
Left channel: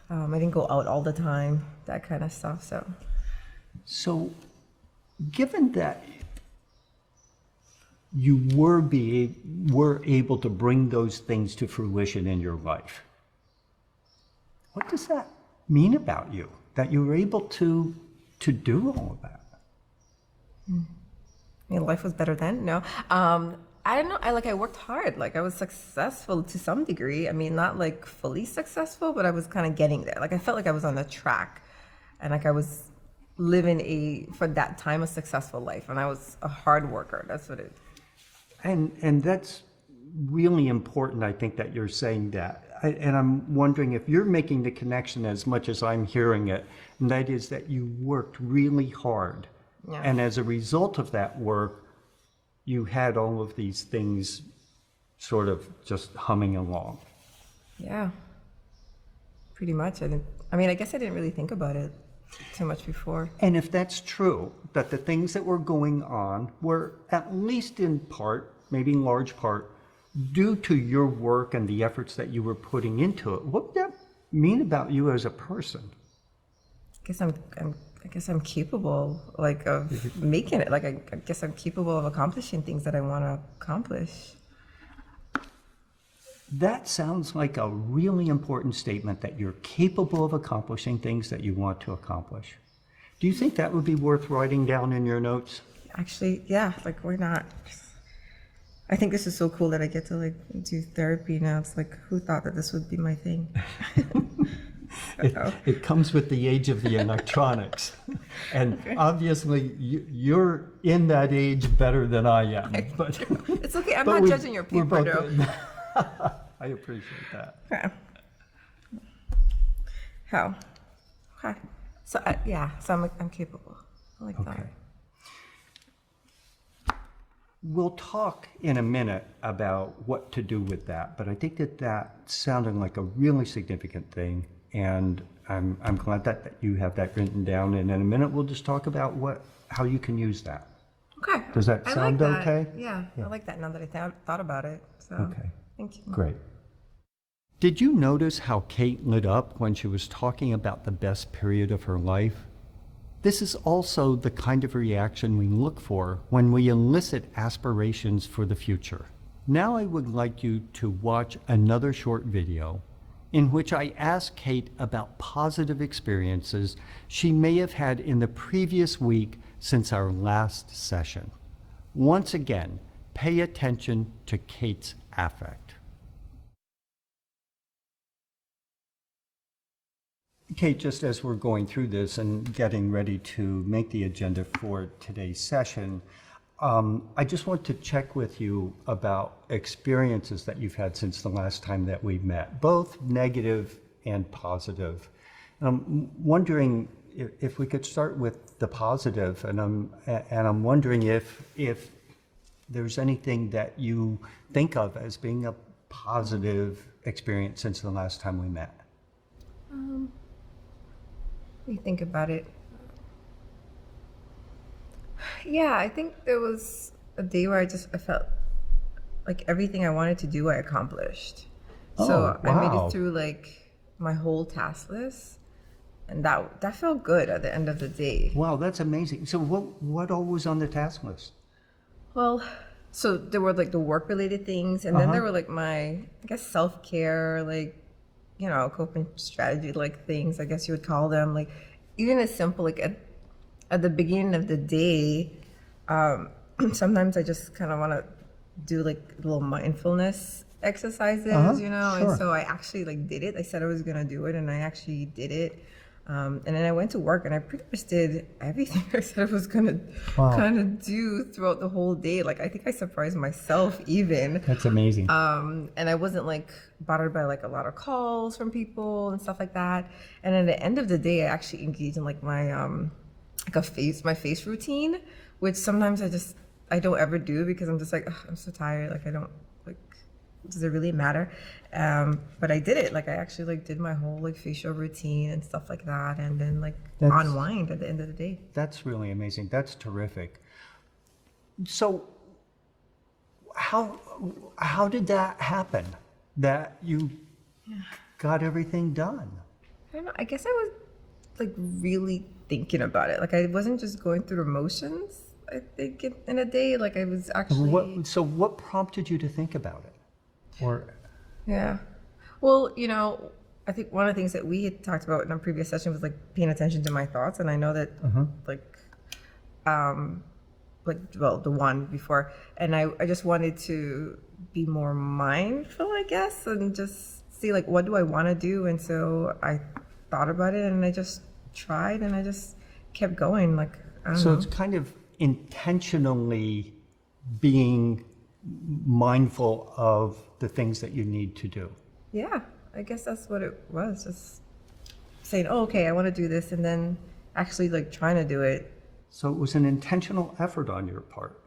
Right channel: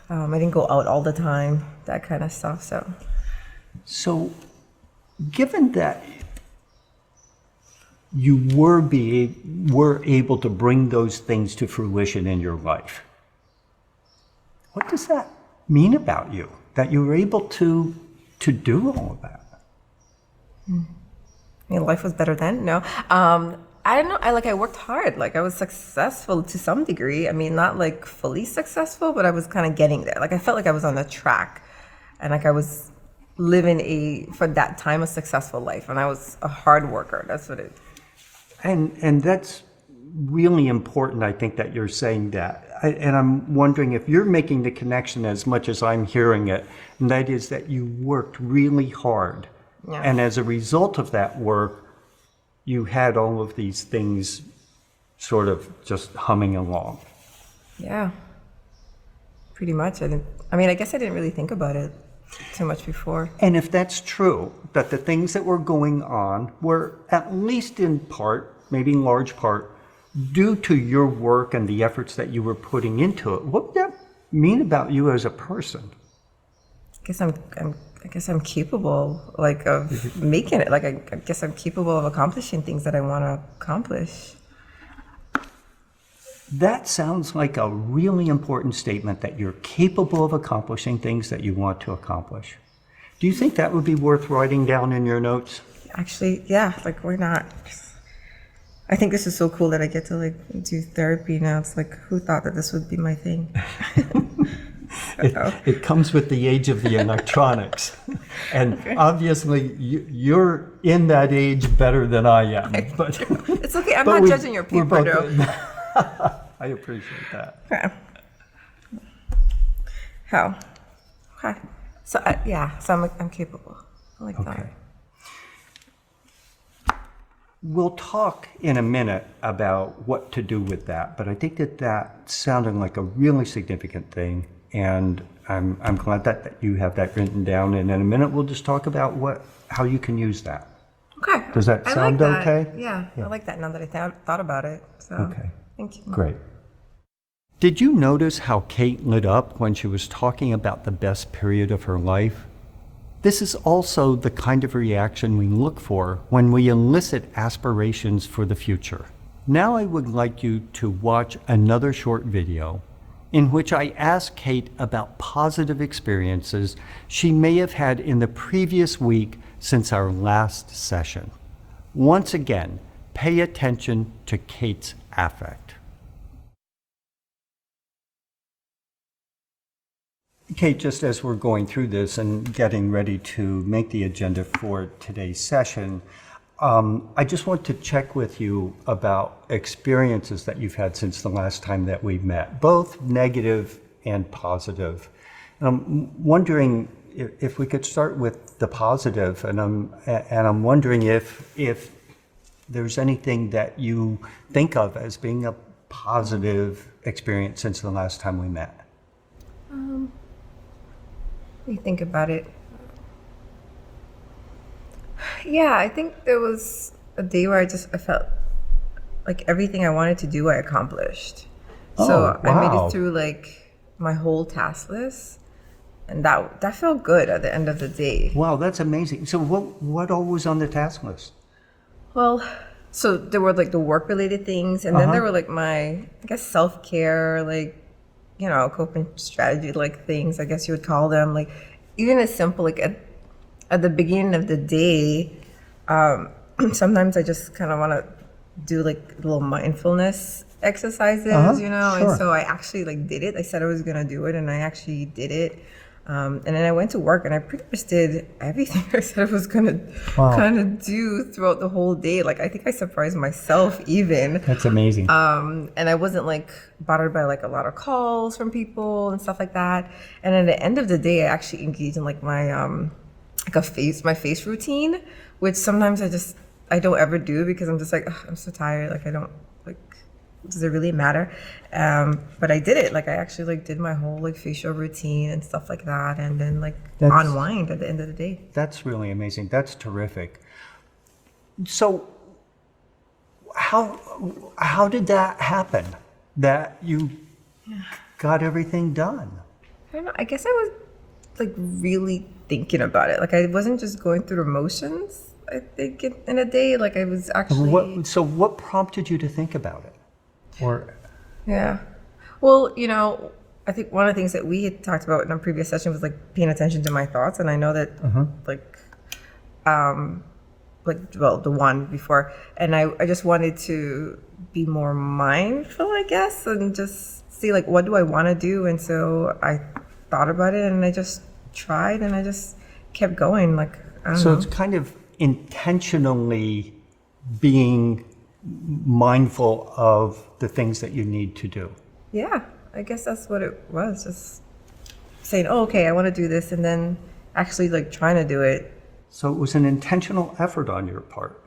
I didn't go out all the time, that kind of stuff. So given that you were able to bring those things to fruition in your life, what does that mean about you, that you were able to do all of that? I mean, life was better then. No, I don't know. I worked hard. Like I was successful to some degree. I mean, not like fully successful, but I was kind of getting there. Like I felt like I was on the track, and like I was living for that time a successful life, and I was a hard worker. That's what it. And that's really important, I think, that you're saying that. And I'm wondering if you're making the connection as much as I'm hearing it, and that is that you worked really hard. Yeah. And as a result of that work, you had all of these things sort of just humming along. Yeah. Pretty much. I guess I didn't really think about it too much before. And if that's true, that the things that were going on were at least in part, maybe in large part, due to your work and the efforts that you were putting into it, what would that mean about you as a person? I guess I'm capable, like, of making it. Like, I guess I'm capable of accomplishing things that I want to accomplish. That sounds like a really important statement, that you're capable of accomplishing things that you want to accomplish. Do you think that would be worth writing down in your notes? Actually, yeah, like, why not? I think this is so cool that I get to like do therapy now. It's like, who thought that this would be my thing? It comes with the age of the electronics. And obviously you're in that age better than I am. But it's okay, I'm not judging your paper though. I appreciate that. Okay. How? Okay. So I'm capable. I like that. We'll talk in a minute about what to do with that, but I think that sounded like a really significant thing, and I'm glad that you have that written down. And in a minute, we'll just talk about how you can use that. Okay. Does that sound like that. Okay? Yeah, I like that now that I thought about it. So, Okay. thank you. Great. Did you notice how Kate lit up when she was talking about the best period of her life? This is also the kind of reaction we look for when we elicit aspirations for the future. Now I would like you to watch another short video in which I ask Kate about positive experiences she may have had in the previous week since our last session. Once again, pay attention to Kate's affect. Kate, just as we're going through this and getting ready to make the agenda for today's session, I just want to check with you about experiences that you've had since the last time that we met, both negative and positive. I'm wondering if we could start with the positive, and I'm wondering if there's anything that you think of as being a positive experience since the last time we met. You think about it. Yeah, I think there was a day where I felt like everything I wanted to do, I accomplished. Oh, so I made wow. it through like my whole task list, and that felt good at the end of the day. Wow, that's amazing. So what all was on the task list? Well, so there were like the work related things, and then there were like my, I guess, self-care, like, you know, coping strategy like things, I guess you would call them. Like even as simple, like at the beginning of the day, sometimes I just kind of want to do like little mindfulness exercises, you know. Sure. And so I actually like did it. I said I was gonna do it, and I actually did it. And then I went to work, and I pretty much did everything I said I was gonna kind of do throughout the whole day. Like I think I surprised myself even. That's amazing. And I wasn't like bothered by like a lot of calls from people and stuff like that. And at the end of the day, I actually engaged in like my my face routine, which sometimes I don't ever do because I'm just like, "Ugh, I'm so tired. Like I don't like, does it really matter?" But I did it. Like I actually like did my whole like facial routine and stuff like that, and then like unwind at the end of the day. That's really amazing. That's terrific. So how did that happen, that you got everything done? I don't know. I guess I was like really thinking about it. Like I wasn't just going through the motions. I think in a day, like I was actually. What prompted you to think about it? Or Yeah. Well, you know, I think one of the things that we had talked about in our previous session was like paying attention to my thoughts, and I know that well, the one before, and I just wanted to be more mindful, I guess, and just see like what do I want to do, and so I thought about it, and I just tried, and I just kept going. Like I don't know. it's kind of intentionally being mindful of the things that you need to do. Yeah, I guess that's what it was. Just saying, oh, okay, I want to do this, and then actually like trying to do it. So it was an intentional effort on your part.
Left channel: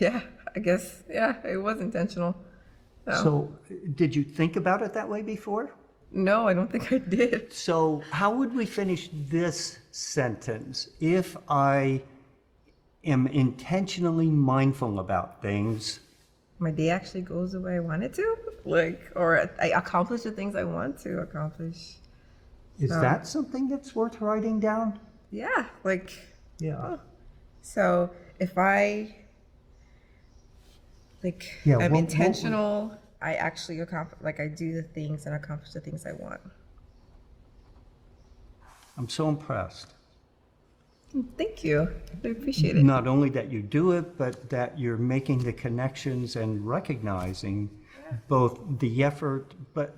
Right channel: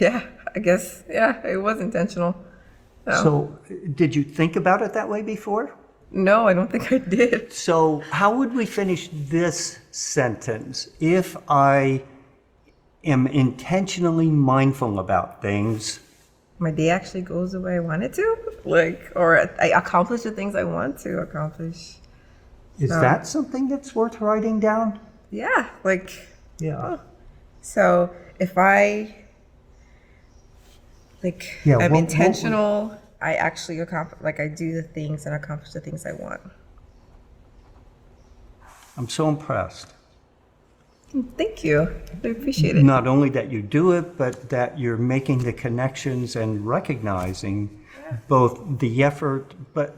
Yeah, I guess. Yeah, it was intentional. So did you think about it that way before? No, I don't think I did. So how would we finish this sentence? If I am intentionally mindful about things, My day actually goes the way I want it to, like, or I accomplish the things I want to accomplish. is that something that's worth writing down? Yeah, like, Yeah. so if I, like, Yeah, I'm what- intentional, I actually accomplish, like, I do the things and accomplish the things I want. I'm so impressed. Thank you. I appreciate it. Not only that you do it, but that you're making the connections and recognizing both the effort, but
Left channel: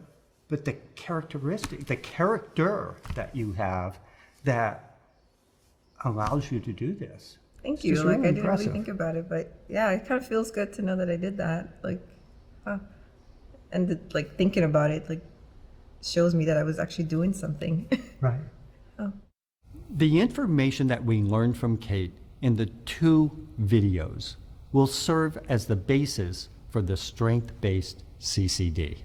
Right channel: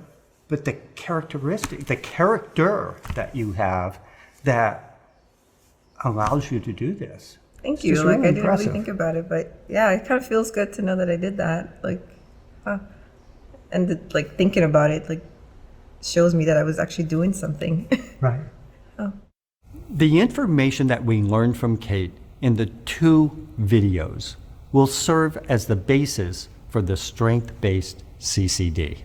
the characteristic, the character that you have that allows you to do this. Thank It's you. just Like, really I didn't really impressive. think about it, but yeah, it kind of feels good to know that I did that. Like, and like thinking about it, like, shows me that I was actually doing something. Right. The information that we learned from Kate in the 2 videos will serve as the basis for the strength-based CCD.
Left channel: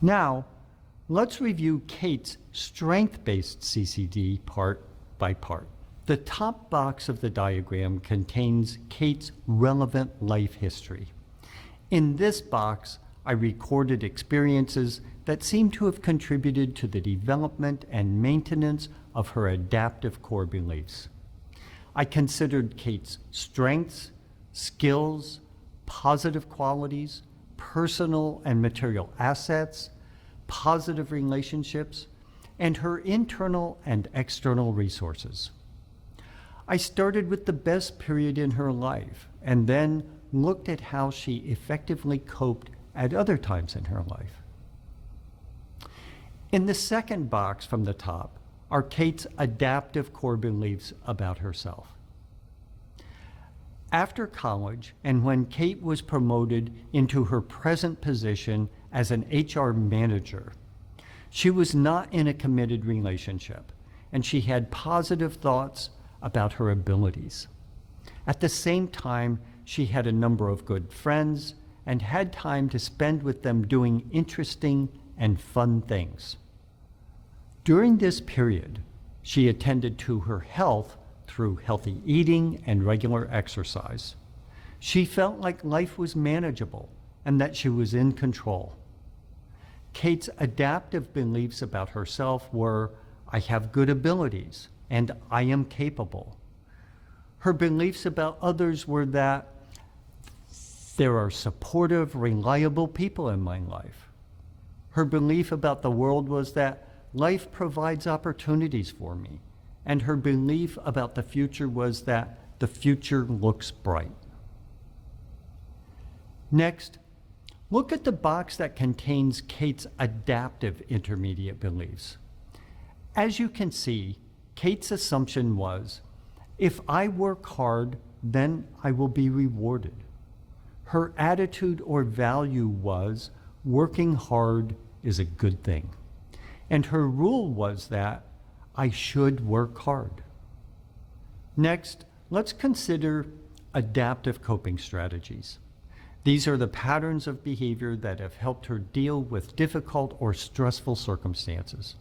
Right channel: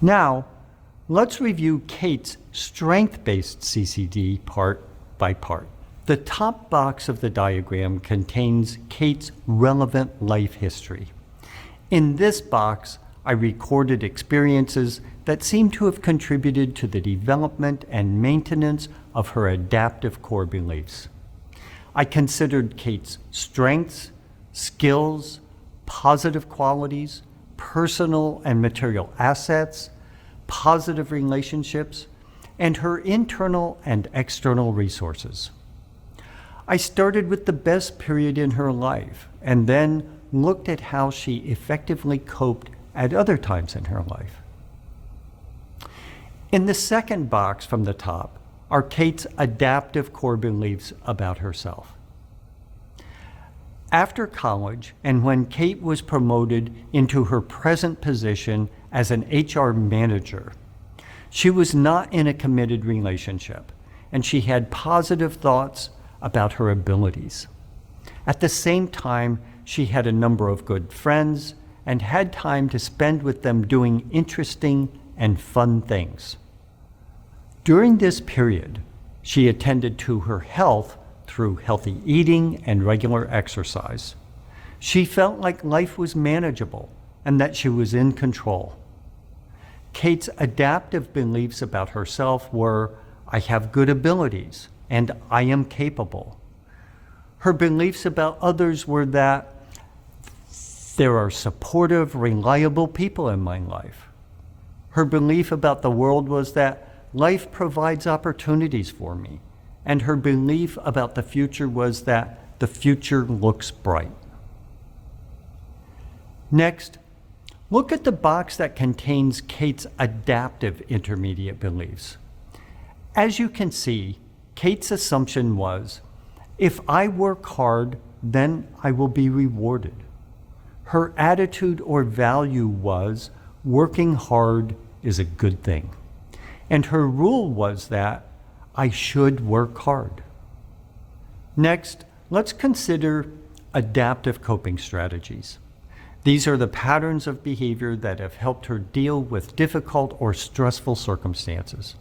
Now, let's review Kate's strength-based CCD part by part. The top box of the diagram contains Kate's relevant life history. In this box, I recorded experiences that seem to have contributed to the development and maintenance of her adaptive core beliefs. I considered Kate's strengths, skills, positive qualities, personal and material assets, positive relationships, and her internal and external resources. I started with the best period in her life and then looked at how she effectively coped at other times in her life. In the second box from the top are Kate's adaptive core beliefs about herself. After college, and when Kate was promoted into her present position as an HR manager, she was not in a committed relationship, and she had positive thoughts about her abilities. At the same time, she had a number of good friends and had time to spend with them doing interesting and fun things. During this period, she attended to her health through healthy eating and regular exercise. She felt like life was manageable and that she was in control. Kate's adaptive beliefs about herself were, I have good abilities and I am capable. Her beliefs about others were that there are supportive, reliable people in my life. Her belief about the world was that life provides opportunities for me, and her belief about the future was that the future looks bright. Next, look at the box that contains Kate's adaptive intermediate beliefs. As you can see, Kate's assumption was, if I work hard, then I will be rewarded. Her attitude or value was, working hard is a good thing. And her rule was that I should work hard. Next, let's consider adaptive coping strategies. These are the patterns of behavior that have helped her deal with difficult or stressful circumstances.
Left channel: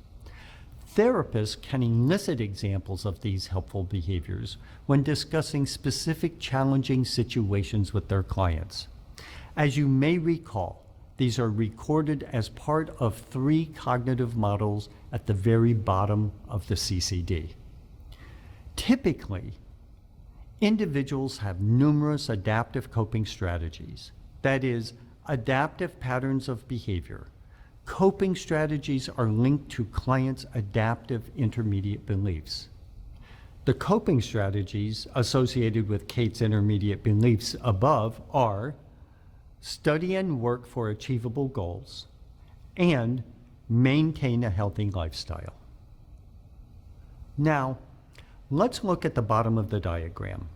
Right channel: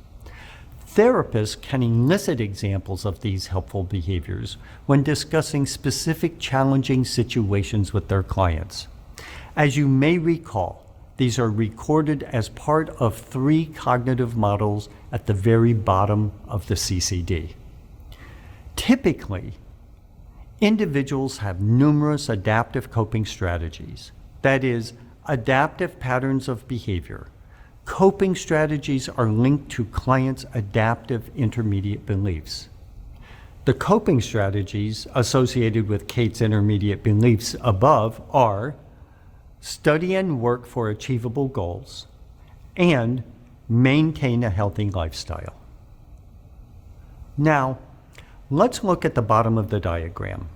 Therapists can elicit examples of these helpful behaviors when discussing specific challenging situations with their clients. As you may recall, these are recorded as part of 3 cognitive models at the very bottom of the CCD. Typically, individuals have numerous adaptive coping strategies, that is, adaptive patterns of behavior. Coping strategies are linked to clients' adaptive intermediate beliefs. The coping strategies associated with Kate's intermediate beliefs above are study and work for achievable goals, and maintain a healthy lifestyle. Now, let's look at the bottom of the diagram.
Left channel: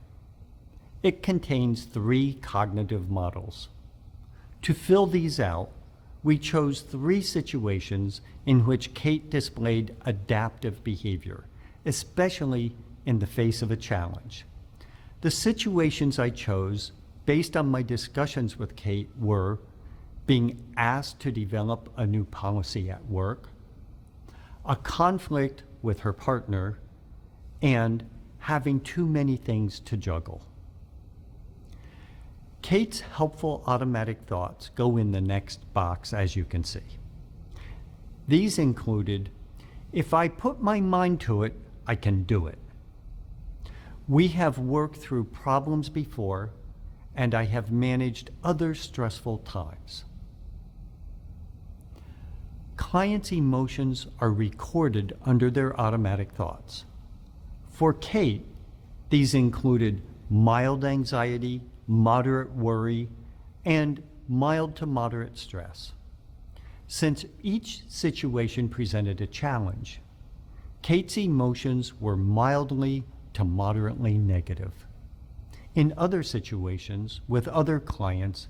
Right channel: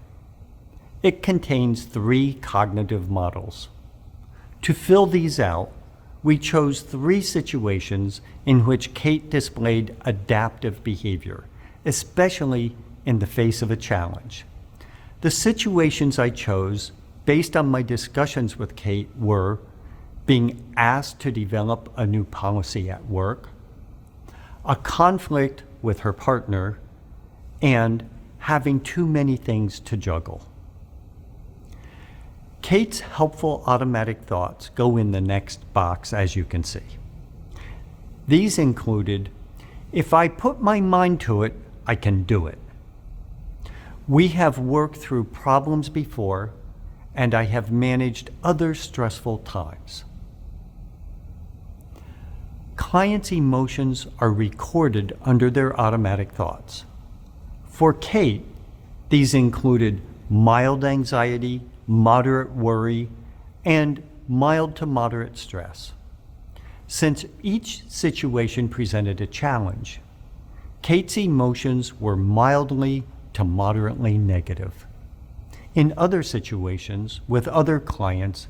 It contains 3 cognitive models. To fill these out, we chose 3 situations in which Kate displayed adaptive behavior, especially in the face of a challenge. The situations I chose based on my discussions with Kate were being asked to develop a new policy at work, a conflict with her partner, and having too many things to juggle. Kate's helpful automatic thoughts go in the next box, as you can see. These included, if I put my mind to it, I can do it. We have worked through problems before, and I have managed other stressful times. Clients' emotions are recorded under their automatic thoughts. For Kate, these included mild anxiety, moderate worry, and mild to moderate stress. Since each situation presented a challenge, Kate's emotions were mildly to moderately negative. In other situations, with other clients,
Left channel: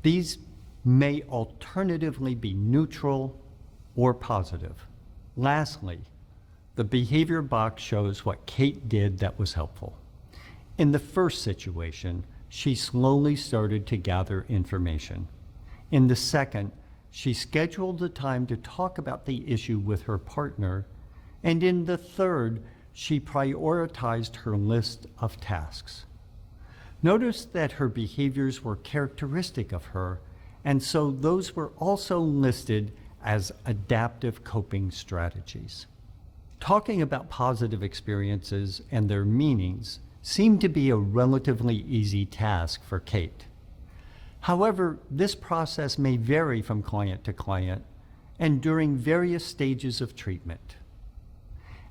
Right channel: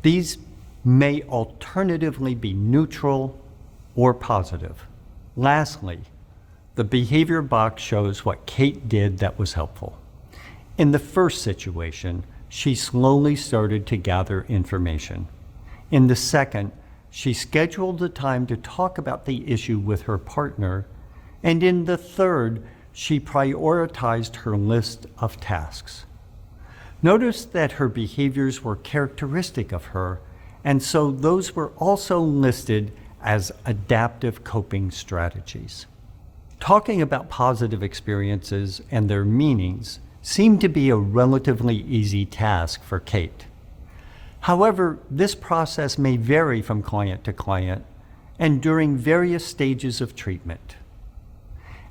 these may alternatively be neutral or positive. Lastly, the behavior box shows what Kate did that was helpful. In the first situation, she slowly started to gather information. In the second, she scheduled the time to talk about the issue with her partner. And in the third, she prioritized her list of tasks. Notice that her behaviors were characteristic of her, and so those were also listed as adaptive coping strategies. Talking about positive experiences and their meanings seemed to be a relatively easy task for Kate. However, this process may vary from client to client and during various stages of treatment.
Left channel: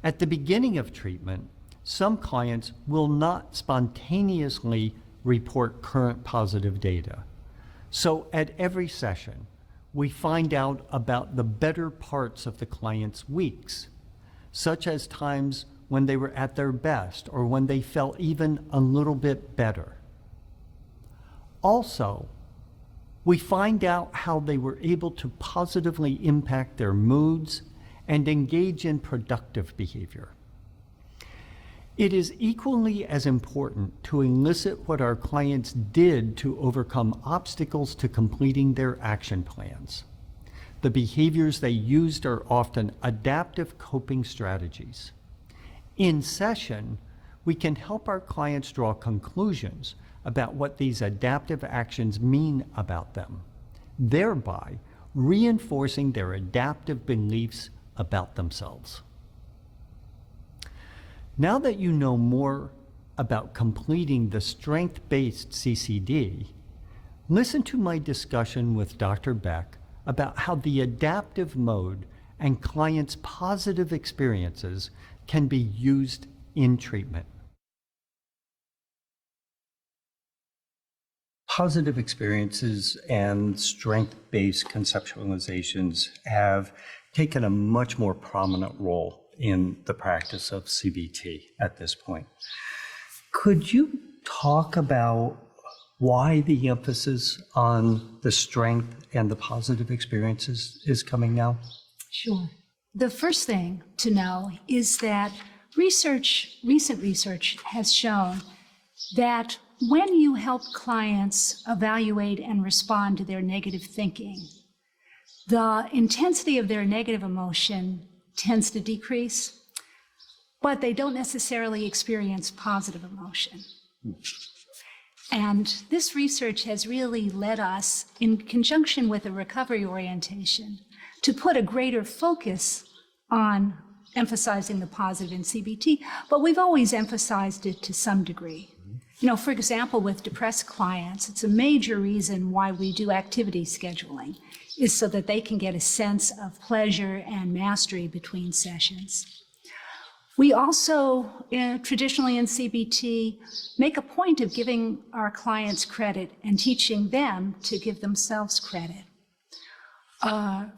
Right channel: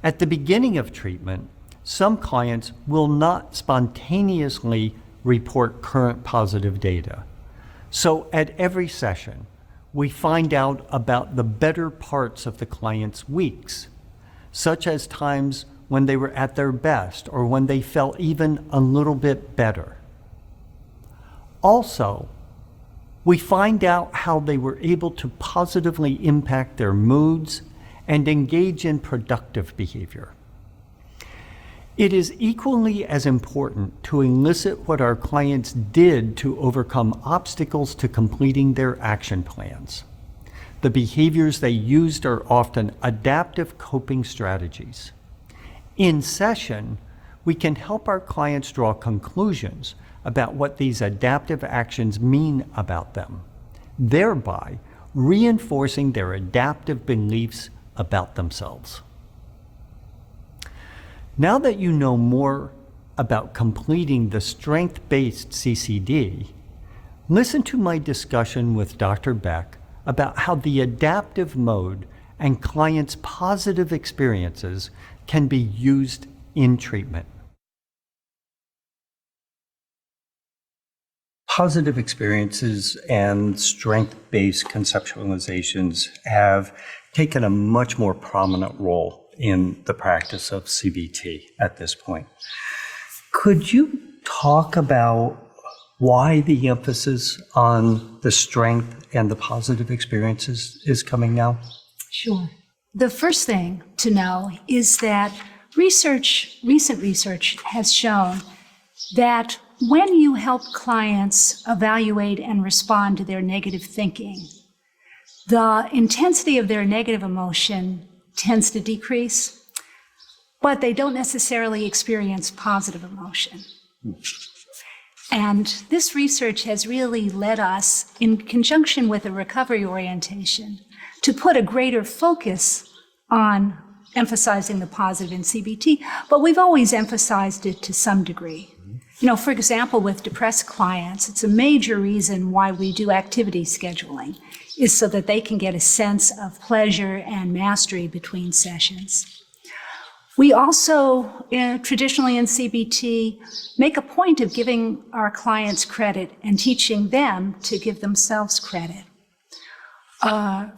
At the beginning of treatment, some clients will not spontaneously report current positive data. So at every session, we find out about the better parts of the client's weeks, such as times when they were at their best or when they felt even a little bit better. Also, we find out how they were able to positively impact their moods and engage in productive behavior. It is equally as important to elicit what our clients did to overcome obstacles to completing their action plans. The behaviors they used are often adaptive coping strategies. In session, we can help our clients draw conclusions about what these adaptive actions mean about them, thereby reinforcing their adaptive beliefs about themselves. Now that you know more about completing the strength-based CCD, listen to my discussion with Dr. Beck about how the adaptive mode and clients' positive experiences can be used in treatment. Positive experiences and strength-based conceptualizations have taken a much more prominent role in the practice of CBT at this point. Could you talk about why the emphasis on the strength and the positive experiences is coming now? Sure. The first thing to know is that recent research has shown that when you help clients evaluate and respond to their negative thinking, the intensity of their negative emotion tends to decrease, but they don't necessarily experience positive emotion. And this research has really led us, in conjunction with a recovery orientation, to put a greater focus on emphasizing the positive in CBT, but we've always emphasized it to some degree. You know, for example, with depressed clients, it's a major reason why we do activity scheduling, is so that they can get a sense of pleasure and mastery between sessions. We also, traditionally in CBT, make a point of giving our clients credit and teaching them to give themselves credit.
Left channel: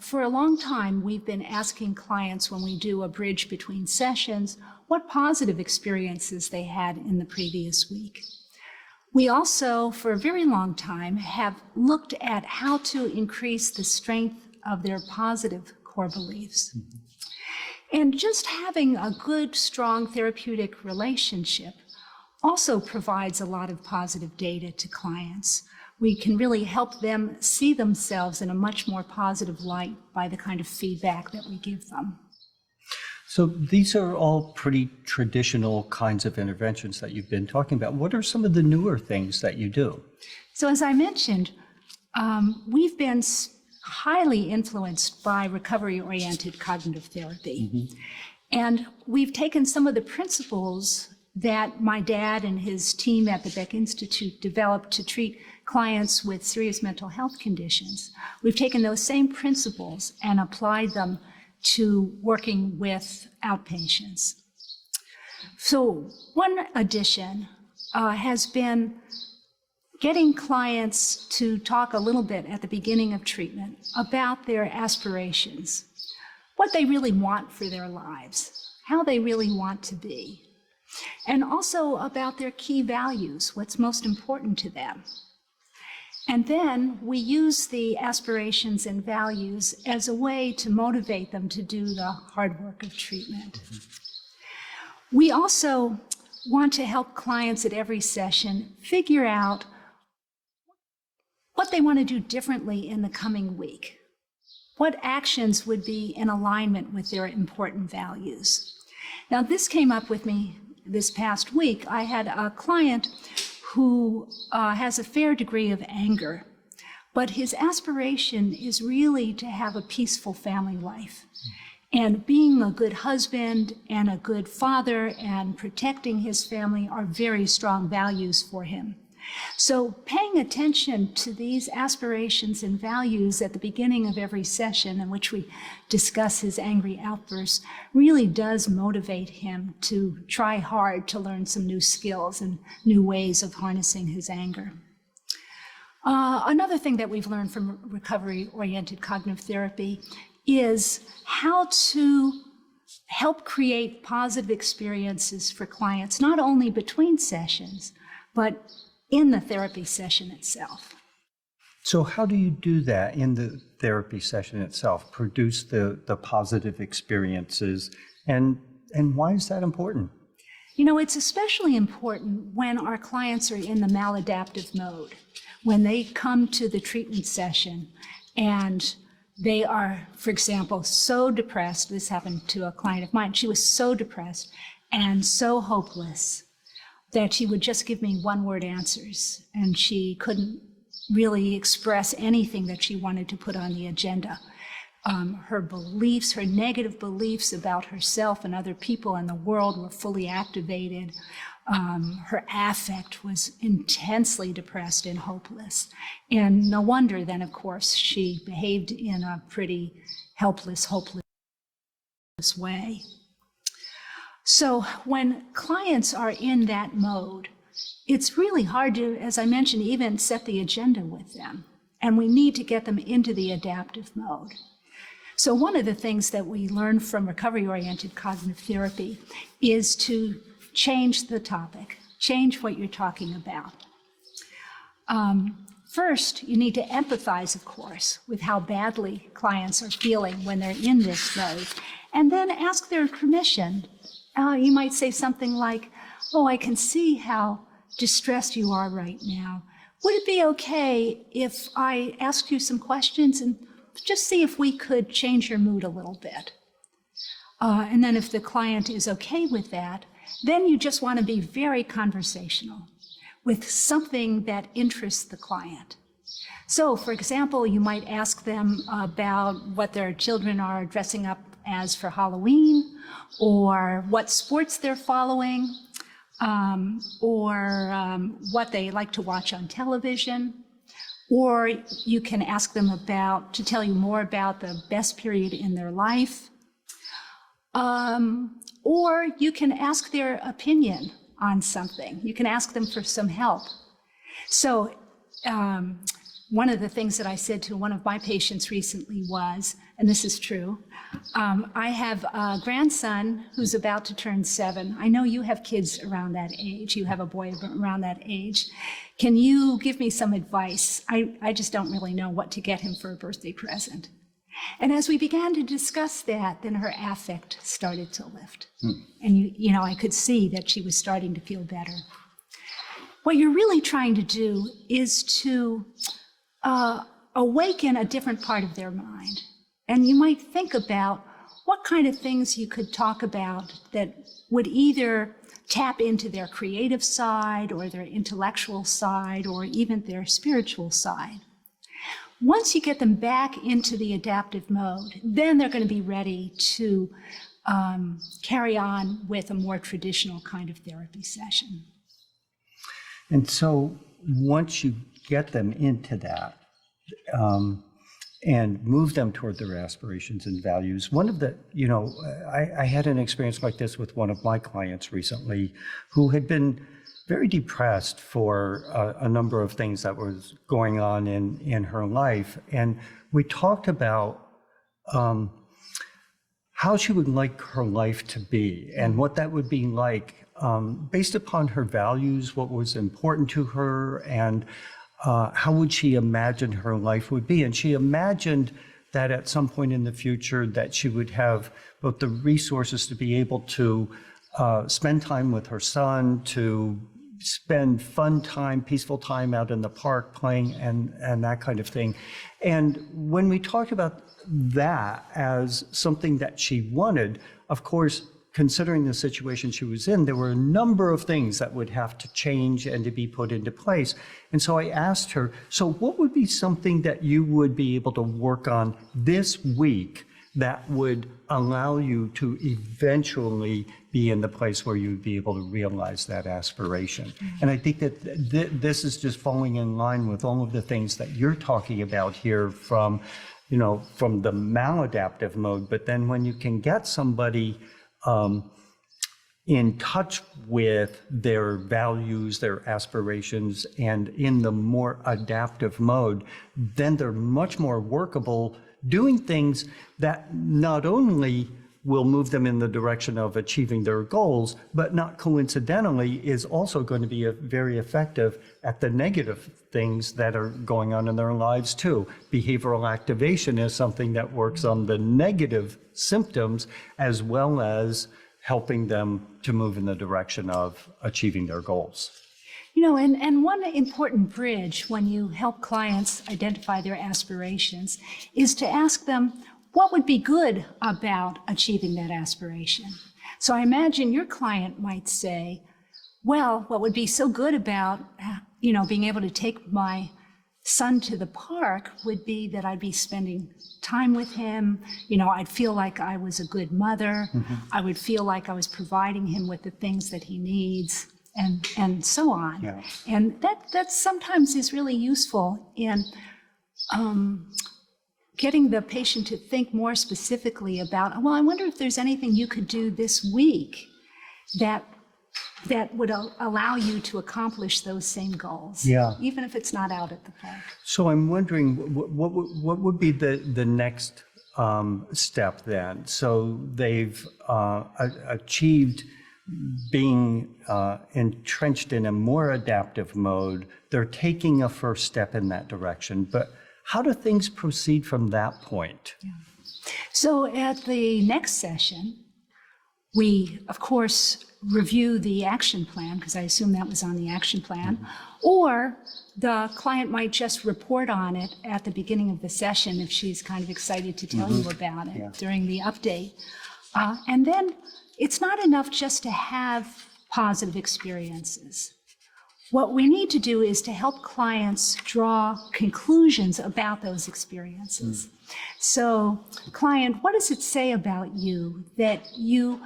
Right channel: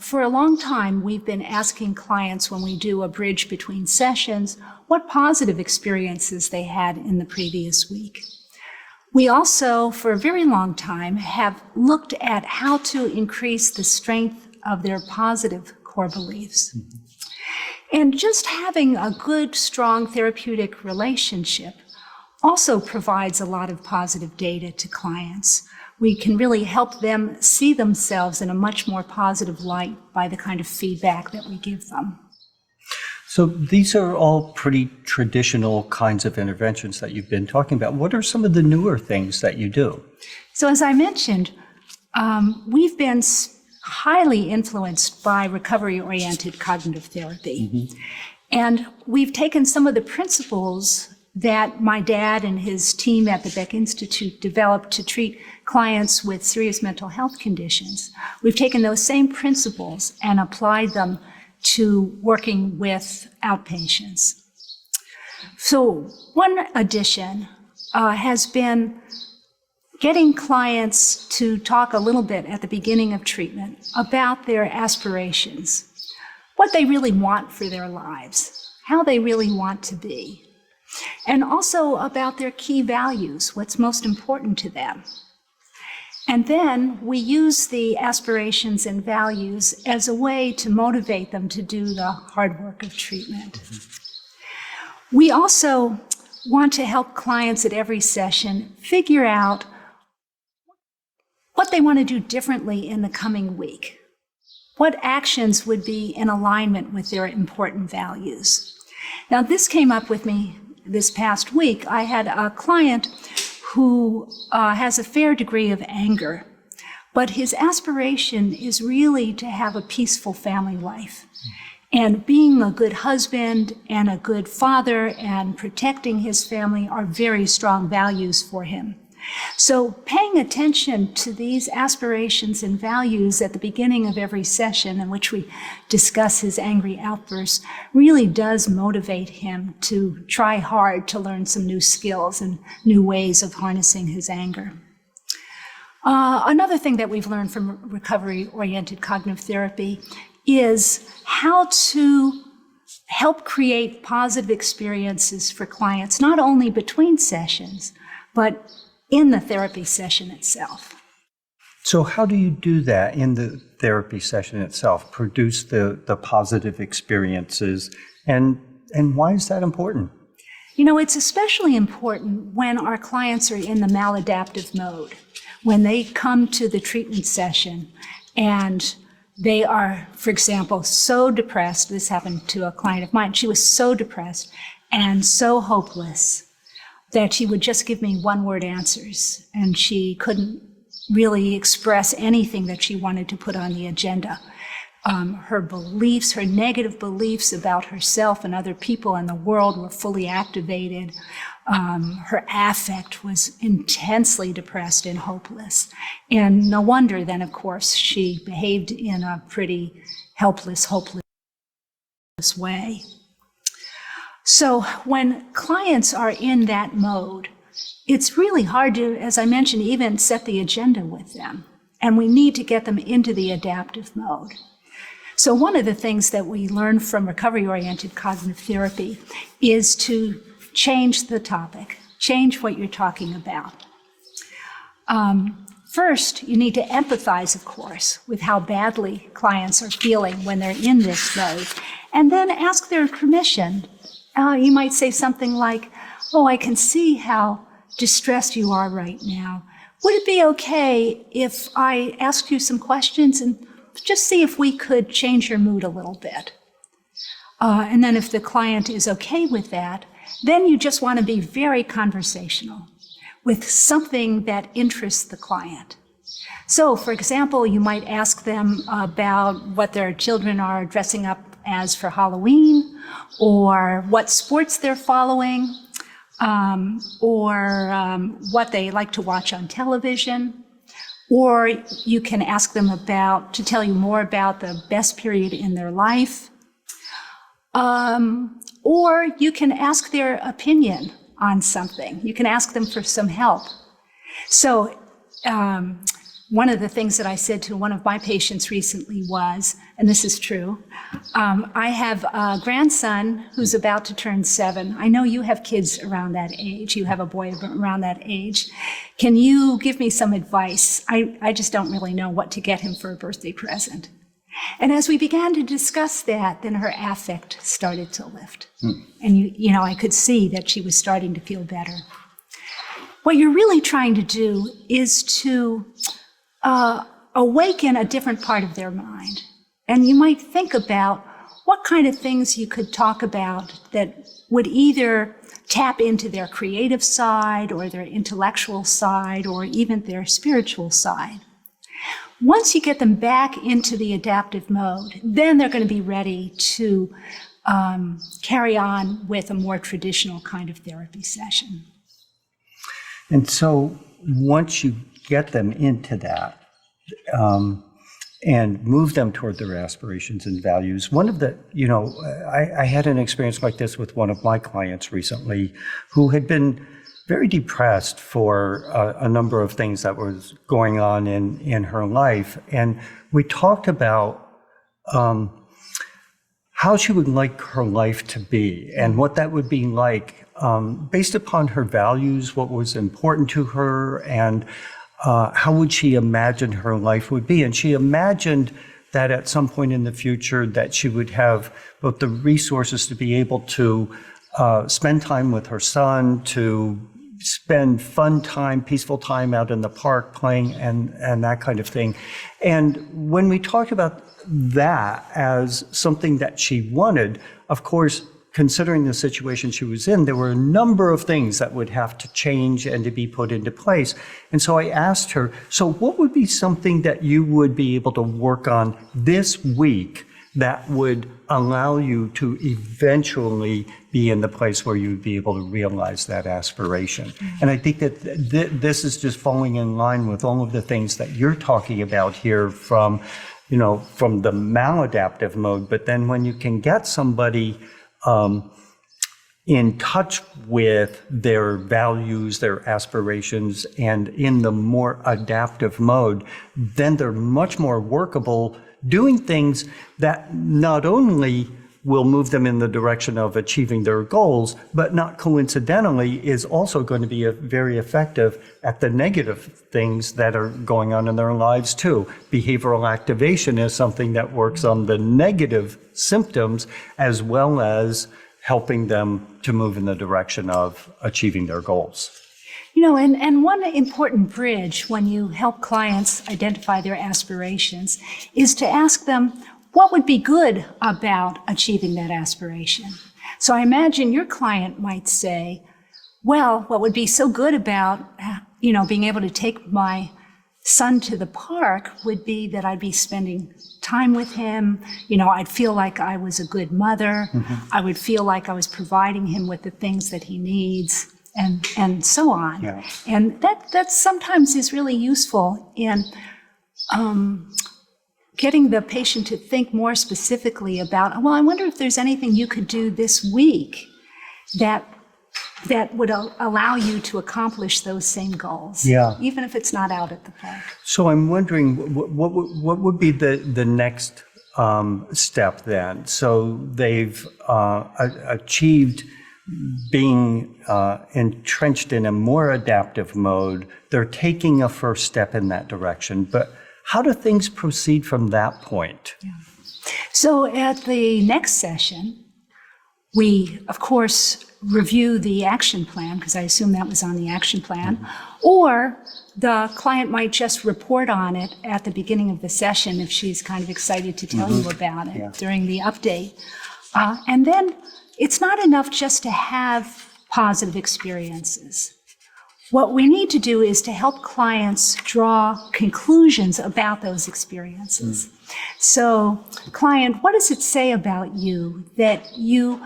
For a long time, we've been asking clients when we do a bridge between sessions, what positive experiences they had in the previous week. We also, for a very long time, have looked at how to increase the strength of their positive core beliefs. And just having a good, strong therapeutic relationship also provides a lot of positive data to clients. We can really help them see themselves in a much more positive light by the kind of feedback that we give them. So these are all pretty traditional kinds of interventions that you've been talking about. What are some of the newer things that you do? So as I mentioned, we've been highly influenced by recovery-oriented cognitive therapy. Mm-hmm. And we've taken some of the principles that my dad and his team at the Beck Institute developed to treat clients with serious mental health conditions. We've taken those same principles and applied them to working with outpatients. So one addition has been getting clients to talk a little bit at the beginning of treatment about their aspirations, what they really want for their lives, how they really want to be, and also about their key values, what's most important to them. And then we use the aspirations and values as a way to motivate them to do the hard work of treatment. We also want to help clients at every session figure out what they want to do differently in the coming week. What actions would be in alignment with their important values? Now, this came up with me this past week. I had a client who has a fair degree of anger, but his aspiration is really to have a peaceful family life. And being a good husband and a good father and protecting his family are very strong values for him. So paying attention to these aspirations and values at the beginning of every session in which we discuss his angry outbursts really does motivate him to try hard to learn some new skills and new ways of harnessing his anger. Another thing that we've learned from recovery-oriented cognitive therapy is how to help create positive experiences for clients, not only between sessions, but in the therapy session itself. So how do you do that in the therapy session itself, produce the positive experiences, and why is that important? You know, it's especially important when our clients are in the maladaptive mode, when they come to the treatment session and they are, for example, so depressed. This happened to a client of mine. She was so depressed and so hopeless that she would just give me one-word answers, and she couldn't really express anything that she wanted to put on the agenda. Her beliefs, her negative beliefs about herself and other people in the world were fully activated. Her affect was intensely depressed and hopeless. And no wonder then, of course, she behaved in a pretty helpless, hopeless way. So when clients are in that mode, it's really hard to, as I mentioned, even set the agenda with them. And we need to get them into the adaptive mode. So one of the things that we learn from recovery-oriented cognitive therapy is to change the topic, change what you're talking about. First, you need to empathize, of course, with how badly clients are feeling when they're in this mode, and then ask their permission. You might say something like, "Oh, I can see how distressed you are right now. Would it be okay if I asked you some questions and just see if we could change your mood a little bit?" And then if the client is okay with that, then you just want to be very conversational with something that interests the client. So, for example, you might ask them about what their children are dressing up as for Halloween, or what sports they're following, or what they like to watch on television. Or you can ask them to tell you more about the best period in their life. Or you can ask their opinion on something. You can ask them for some help. So one of the things that I said to one of my patients recently was, and this is true, I have a grandson who's about to turn 7. I know you have kids around that age. You have a boy around that age. Can you give me some advice? I just don't really know what to get him for a birthday present. And as we began to discuss that, then her affect started to lift. And you know, I could see that she was starting to feel better. What you're really trying to do is to awaken a different part of their mind. And you might think about what kind of things you could talk about that would either tap into their creative side or their intellectual side or even their spiritual side. Once you get them back into the adaptive mode, then they're going to be ready to carry on with a more traditional kind of therapy session. And so once you get them into that and move them toward their aspirations and values, one of the, I had an experience like this with one of my clients recently who had been very depressed for a number of things that was going on in her life. And we talked about how she would like her life to be and what that would be like based upon her values, what was important to her, and how would she imagine her life would be. And she imagined that at some point in the future that she would have both the resources to be able to spend time with her son, to spend fun time, peaceful time out in the park playing and that kind of thing. And when we talked about that as something that she wanted, of course, considering the situation she was in, there were a number of things that would have to change and to be put into place. And so I asked her, so what would be something that you would be able to work on this week that would allow you to eventually be in the place where you'd be able to realize that aspiration? And I think that this is just falling in line with all of the things that you're talking about here from the maladaptive mode. But then when you can get somebody in touch with their values, their aspirations, and in the more adaptive mode, then they're much more workable, doing things that not only will move them in the direction of achieving their goals, but not coincidentally is also going to be very effective at the negative things that are going on in their lives too. Behavioral activation is something that works on the negative symptoms as well as helping them to move in the direction of achieving their goals. And one important bridge when you help clients identify their aspirations is to ask them, what would be good about achieving that aspiration? So I imagine your client might say, well, what would be so good about, being able to take my son to the park would be that I'd be spending time with him. I'd feel like I was a good mother. I would feel like I was providing him with the things that he needs, and so on. Yeah. And that sometimes is really useful in getting the patient to think more specifically about, well, I wonder if there's anything you could do this week that would allow you to accomplish those same goals, even if it's not out at the park. So I'm wondering, what would be the next step then? So they've achieved being entrenched in a more adaptive mode. They're taking a first step in that direction, but how do things proceed from that point? Yeah. So at the next session, we, of course, review the action plan, because I assume that was on the action plan, or the client might just report on it at the beginning of the session if she's kind of excited to tell you about it during the update. And then it's not enough just to have positive experiences. What we need to do is to help clients draw conclusions about those experiences. So, client, what does it say about you that you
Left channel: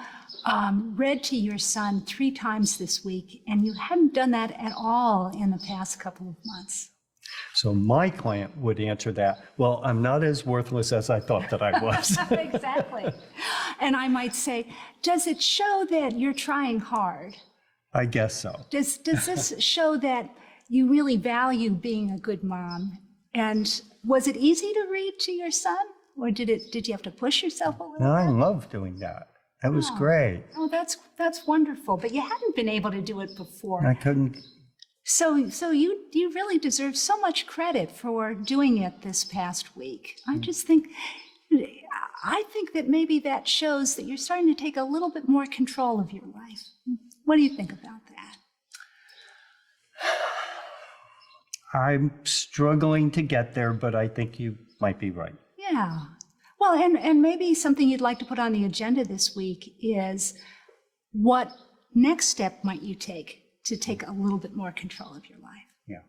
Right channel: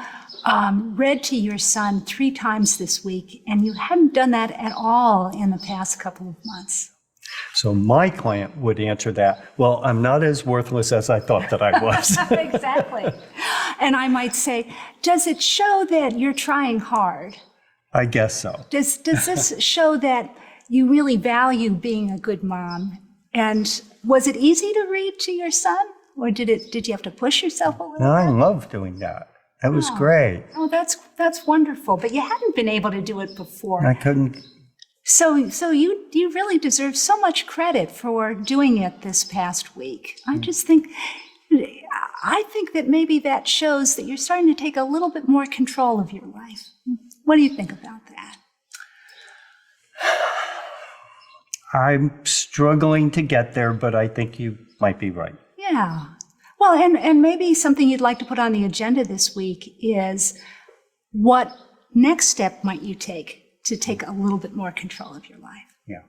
read to your son 3 times this week and you hadn't done that at all in the past couple of months? So my client would answer that, well, I'm not as worthless as I thought that I was. Exactly. And I might say, does it show that you're trying hard? I guess so. Does this show that you really value being a good mom? And was it easy to read to your son? Or did you have to push yourself a little No, bit? I love doing that. That was great. Oh, that's wonderful. But you hadn't been able to do it before. I couldn't. So you really deserve so much credit for doing it this past week. I think that maybe that shows that you're starting to take a little bit more control of your life. What do you think about that? I'm struggling to get there, but I think you might be right. Yeah. Well, and maybe something you'd like to put on the agenda this week is what next step might you take to take a little bit more control of your life? Yeah.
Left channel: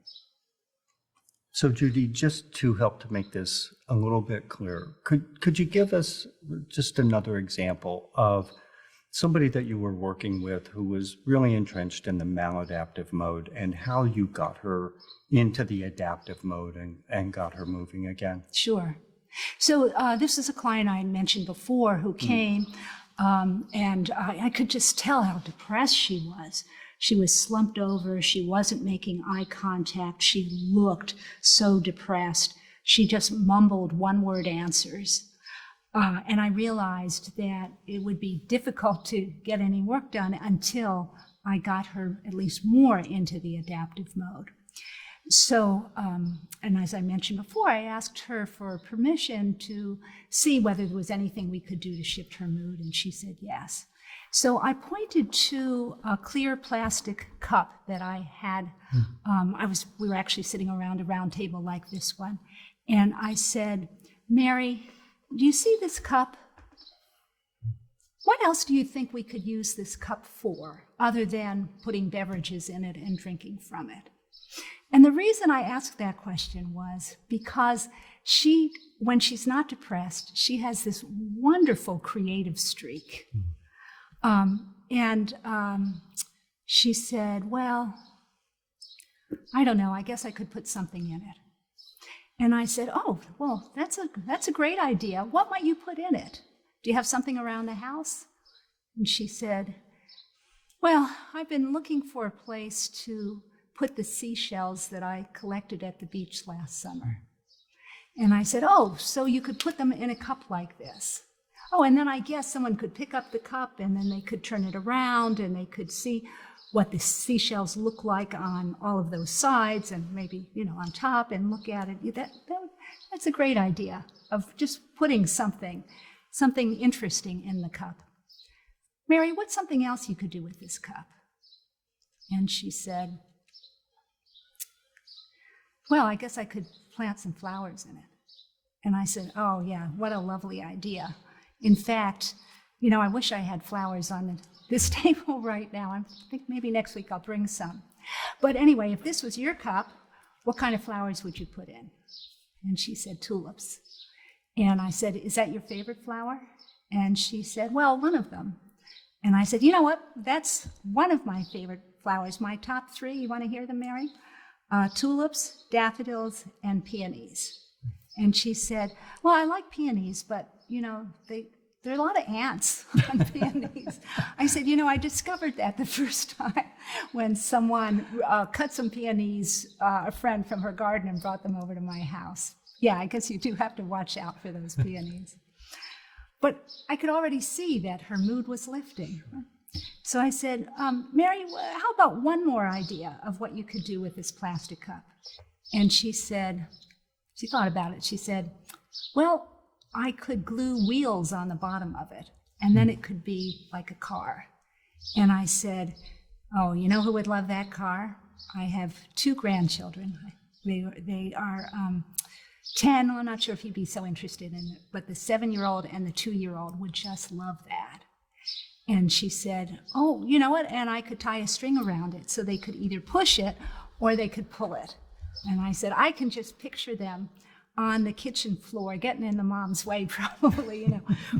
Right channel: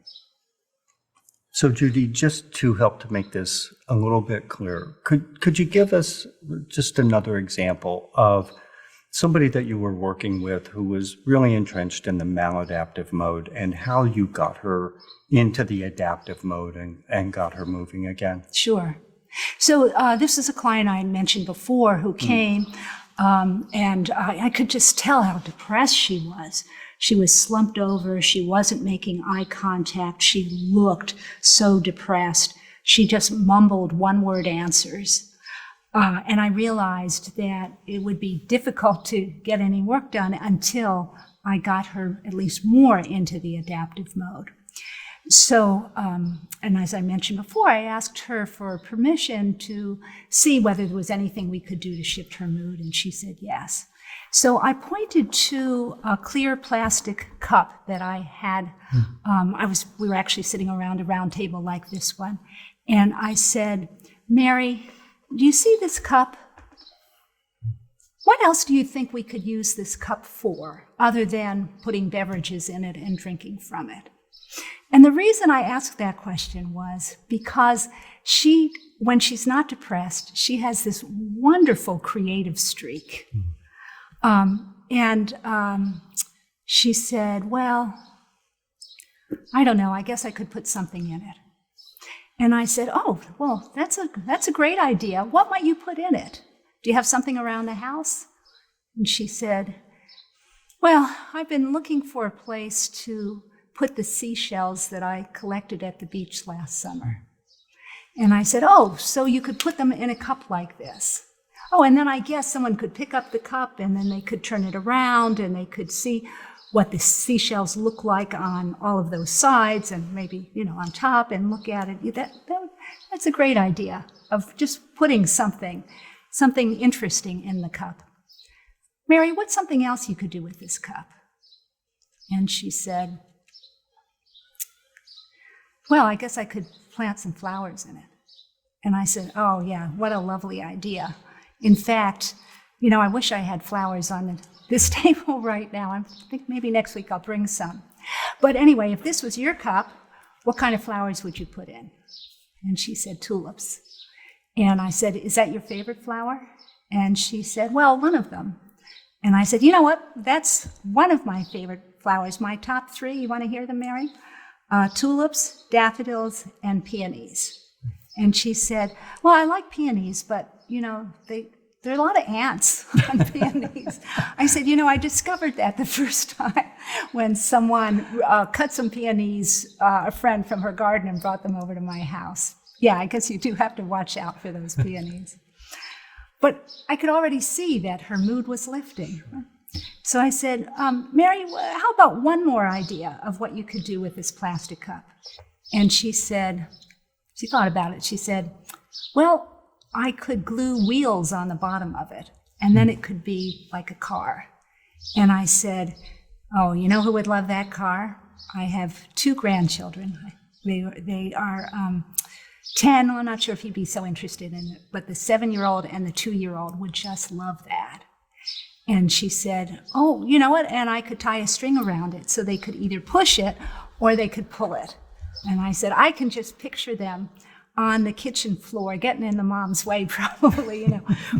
So Judy, just to help to make this a little bit clearer, could you give us just another example of somebody that you were working with who was really entrenched in the maladaptive mode and how you got her into the adaptive mode and got her moving again? Sure. So this is a client I mentioned before who came, and I could just tell how depressed she was. She was slumped over. She wasn't making eye contact. She looked so depressed. She just mumbled one-word answers. And I realized that it would be difficult to get any work done until I got her at least more into the adaptive mode. So, and as I mentioned before, I asked her for permission to see whether there was anything we could do to shift her mood, and she said yes. So I pointed to a clear plastic cup that I had. We were actually sitting around a round table like this one, and I said, Mary, do you see this cup? what else do you think we could use this cup for, other than putting beverages in it and drinking from it? And the reason I asked that question was because when she's not depressed, she has this wonderful creative streak. She said, well, I don't know, I guess I could put something in it. And I said, oh, well, that's a great idea. What might you put in it? Do you have something around the house? And she said, well, I've been looking for a place to put the seashells that I collected at the beach last summer. And I said, oh, so you could put them in a cup like this. Oh, and then I guess someone could pick up the cup and then they could turn it around and they could see what the seashells look like on all of those sides and maybe, on top and look at it. That's a great idea of just putting something interesting in the cup. Mary, what's something else you could do with this cup? And she said, well, I guess I could plant some flowers in it. And I said, oh yeah, what a lovely idea. In fact, I wish I had flowers on this table right now. I think maybe next week I'll bring some. But anyway, if this was your cup, what kind of flowers would you put in? And she said, tulips. And I said, is that your favorite flower? And she said, well, one of them. And I said, you know what? That's one of my favorite flowers. My top three, you want to hear them, Mary? Tulips, daffodils, and peonies. And she said, well, I like peonies, but, there are a lot of ants on peonies. I said, I discovered that the first time when someone cut some peonies, a friend from her garden, and brought them over to my house. Yeah, I guess you do have to watch out for those peonies. But I could already see that her mood was lifting. So I said, Mary, how about one more idea of what you could do with this plastic cup? And she thought about it. She said, well, I could glue wheels on the bottom of it, and then it could be like a car. And I said, oh, you know who would love that car? I have 2 grandchildren. They are 10. Well, I'm not sure if he'd be so interested in it, but the 7-year-old and the 2-year-old would just love that. And she said, oh, you know what? And I could tie a string around it so they could either push it or they could pull it. And I said, I can just picture them on the kitchen floor, getting in the mom's way probably,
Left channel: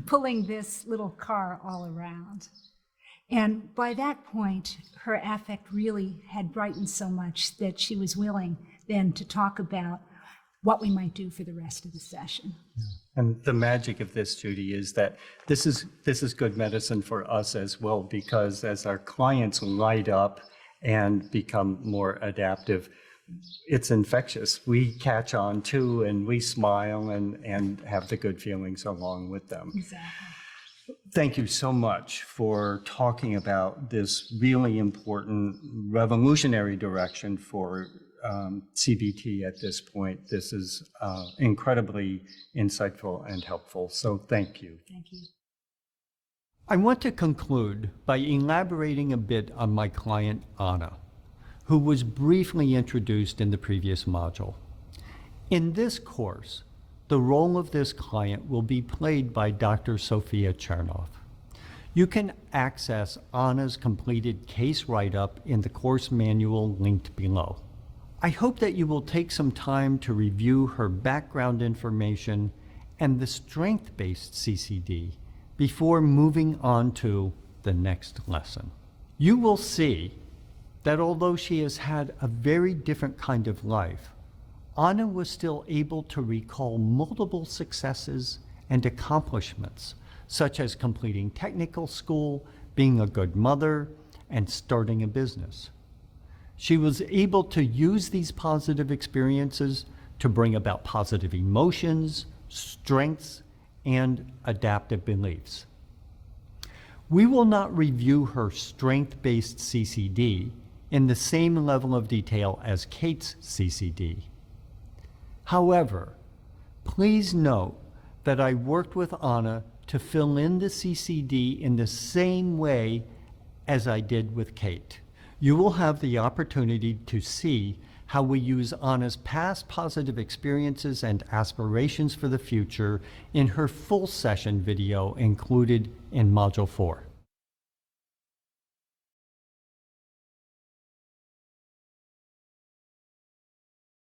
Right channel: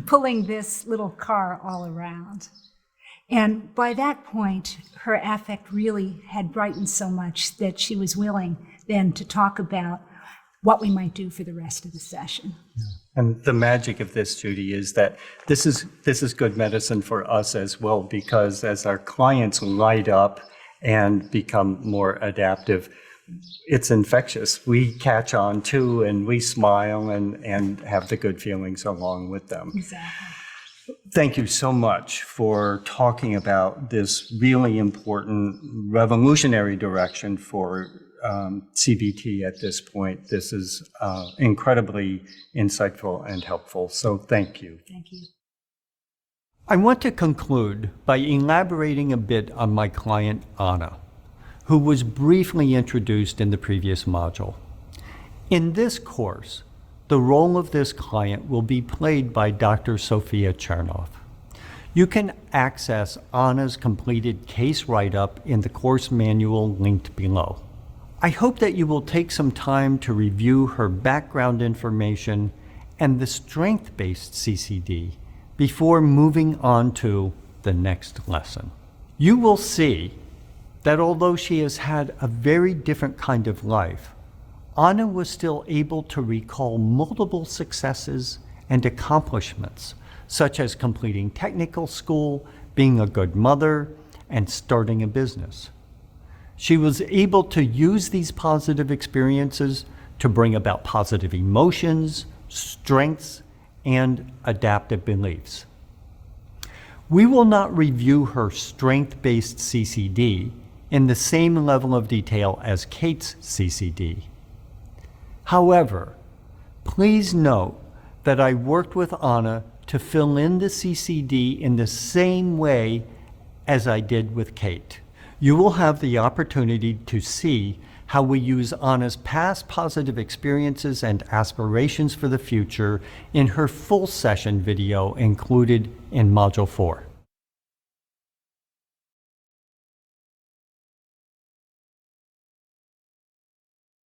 pulling this little car all around. And by that point, her affect really had brightened so much that she was willing then to talk about what we might do for the rest of the session. And the magic of this, Judy, is that this is good medicine for us as well, because as our clients light up and become more adaptive, it's infectious. We catch on too, and we smile and have the good feelings along with them. Exactly. Thank you so much for talking about this really important revolutionary direction for CBT at this point. This is incredibly insightful and helpful. So thank you. Thank you. I want to conclude by elaborating a bit on my client, Anna, who was briefly introduced in the previous module. In this course, the role of this client will be played by Dr. Sophia Chernoff. You can access Anna's completed case write-up in the course manual linked below. I hope that you will take some time to review her background information and the strength-based CCD before moving on to the next lesson. You will see that although she has had a very different kind of life, Anna was still able to recall multiple successes and accomplishments, such as completing technical school, being a good mother, and starting a business. She was able to use these positive experiences to bring about positive emotions, strengths, and adaptive beliefs. We will not review her strength-based CCD in the same level of detail as Kate's CCD. However, please note that I worked with Anna to fill in the CCD in the same way as I did with Kate. You will have the opportunity to see how we use Anna's past positive experiences and aspirations for the future in her full session video included in Module 4.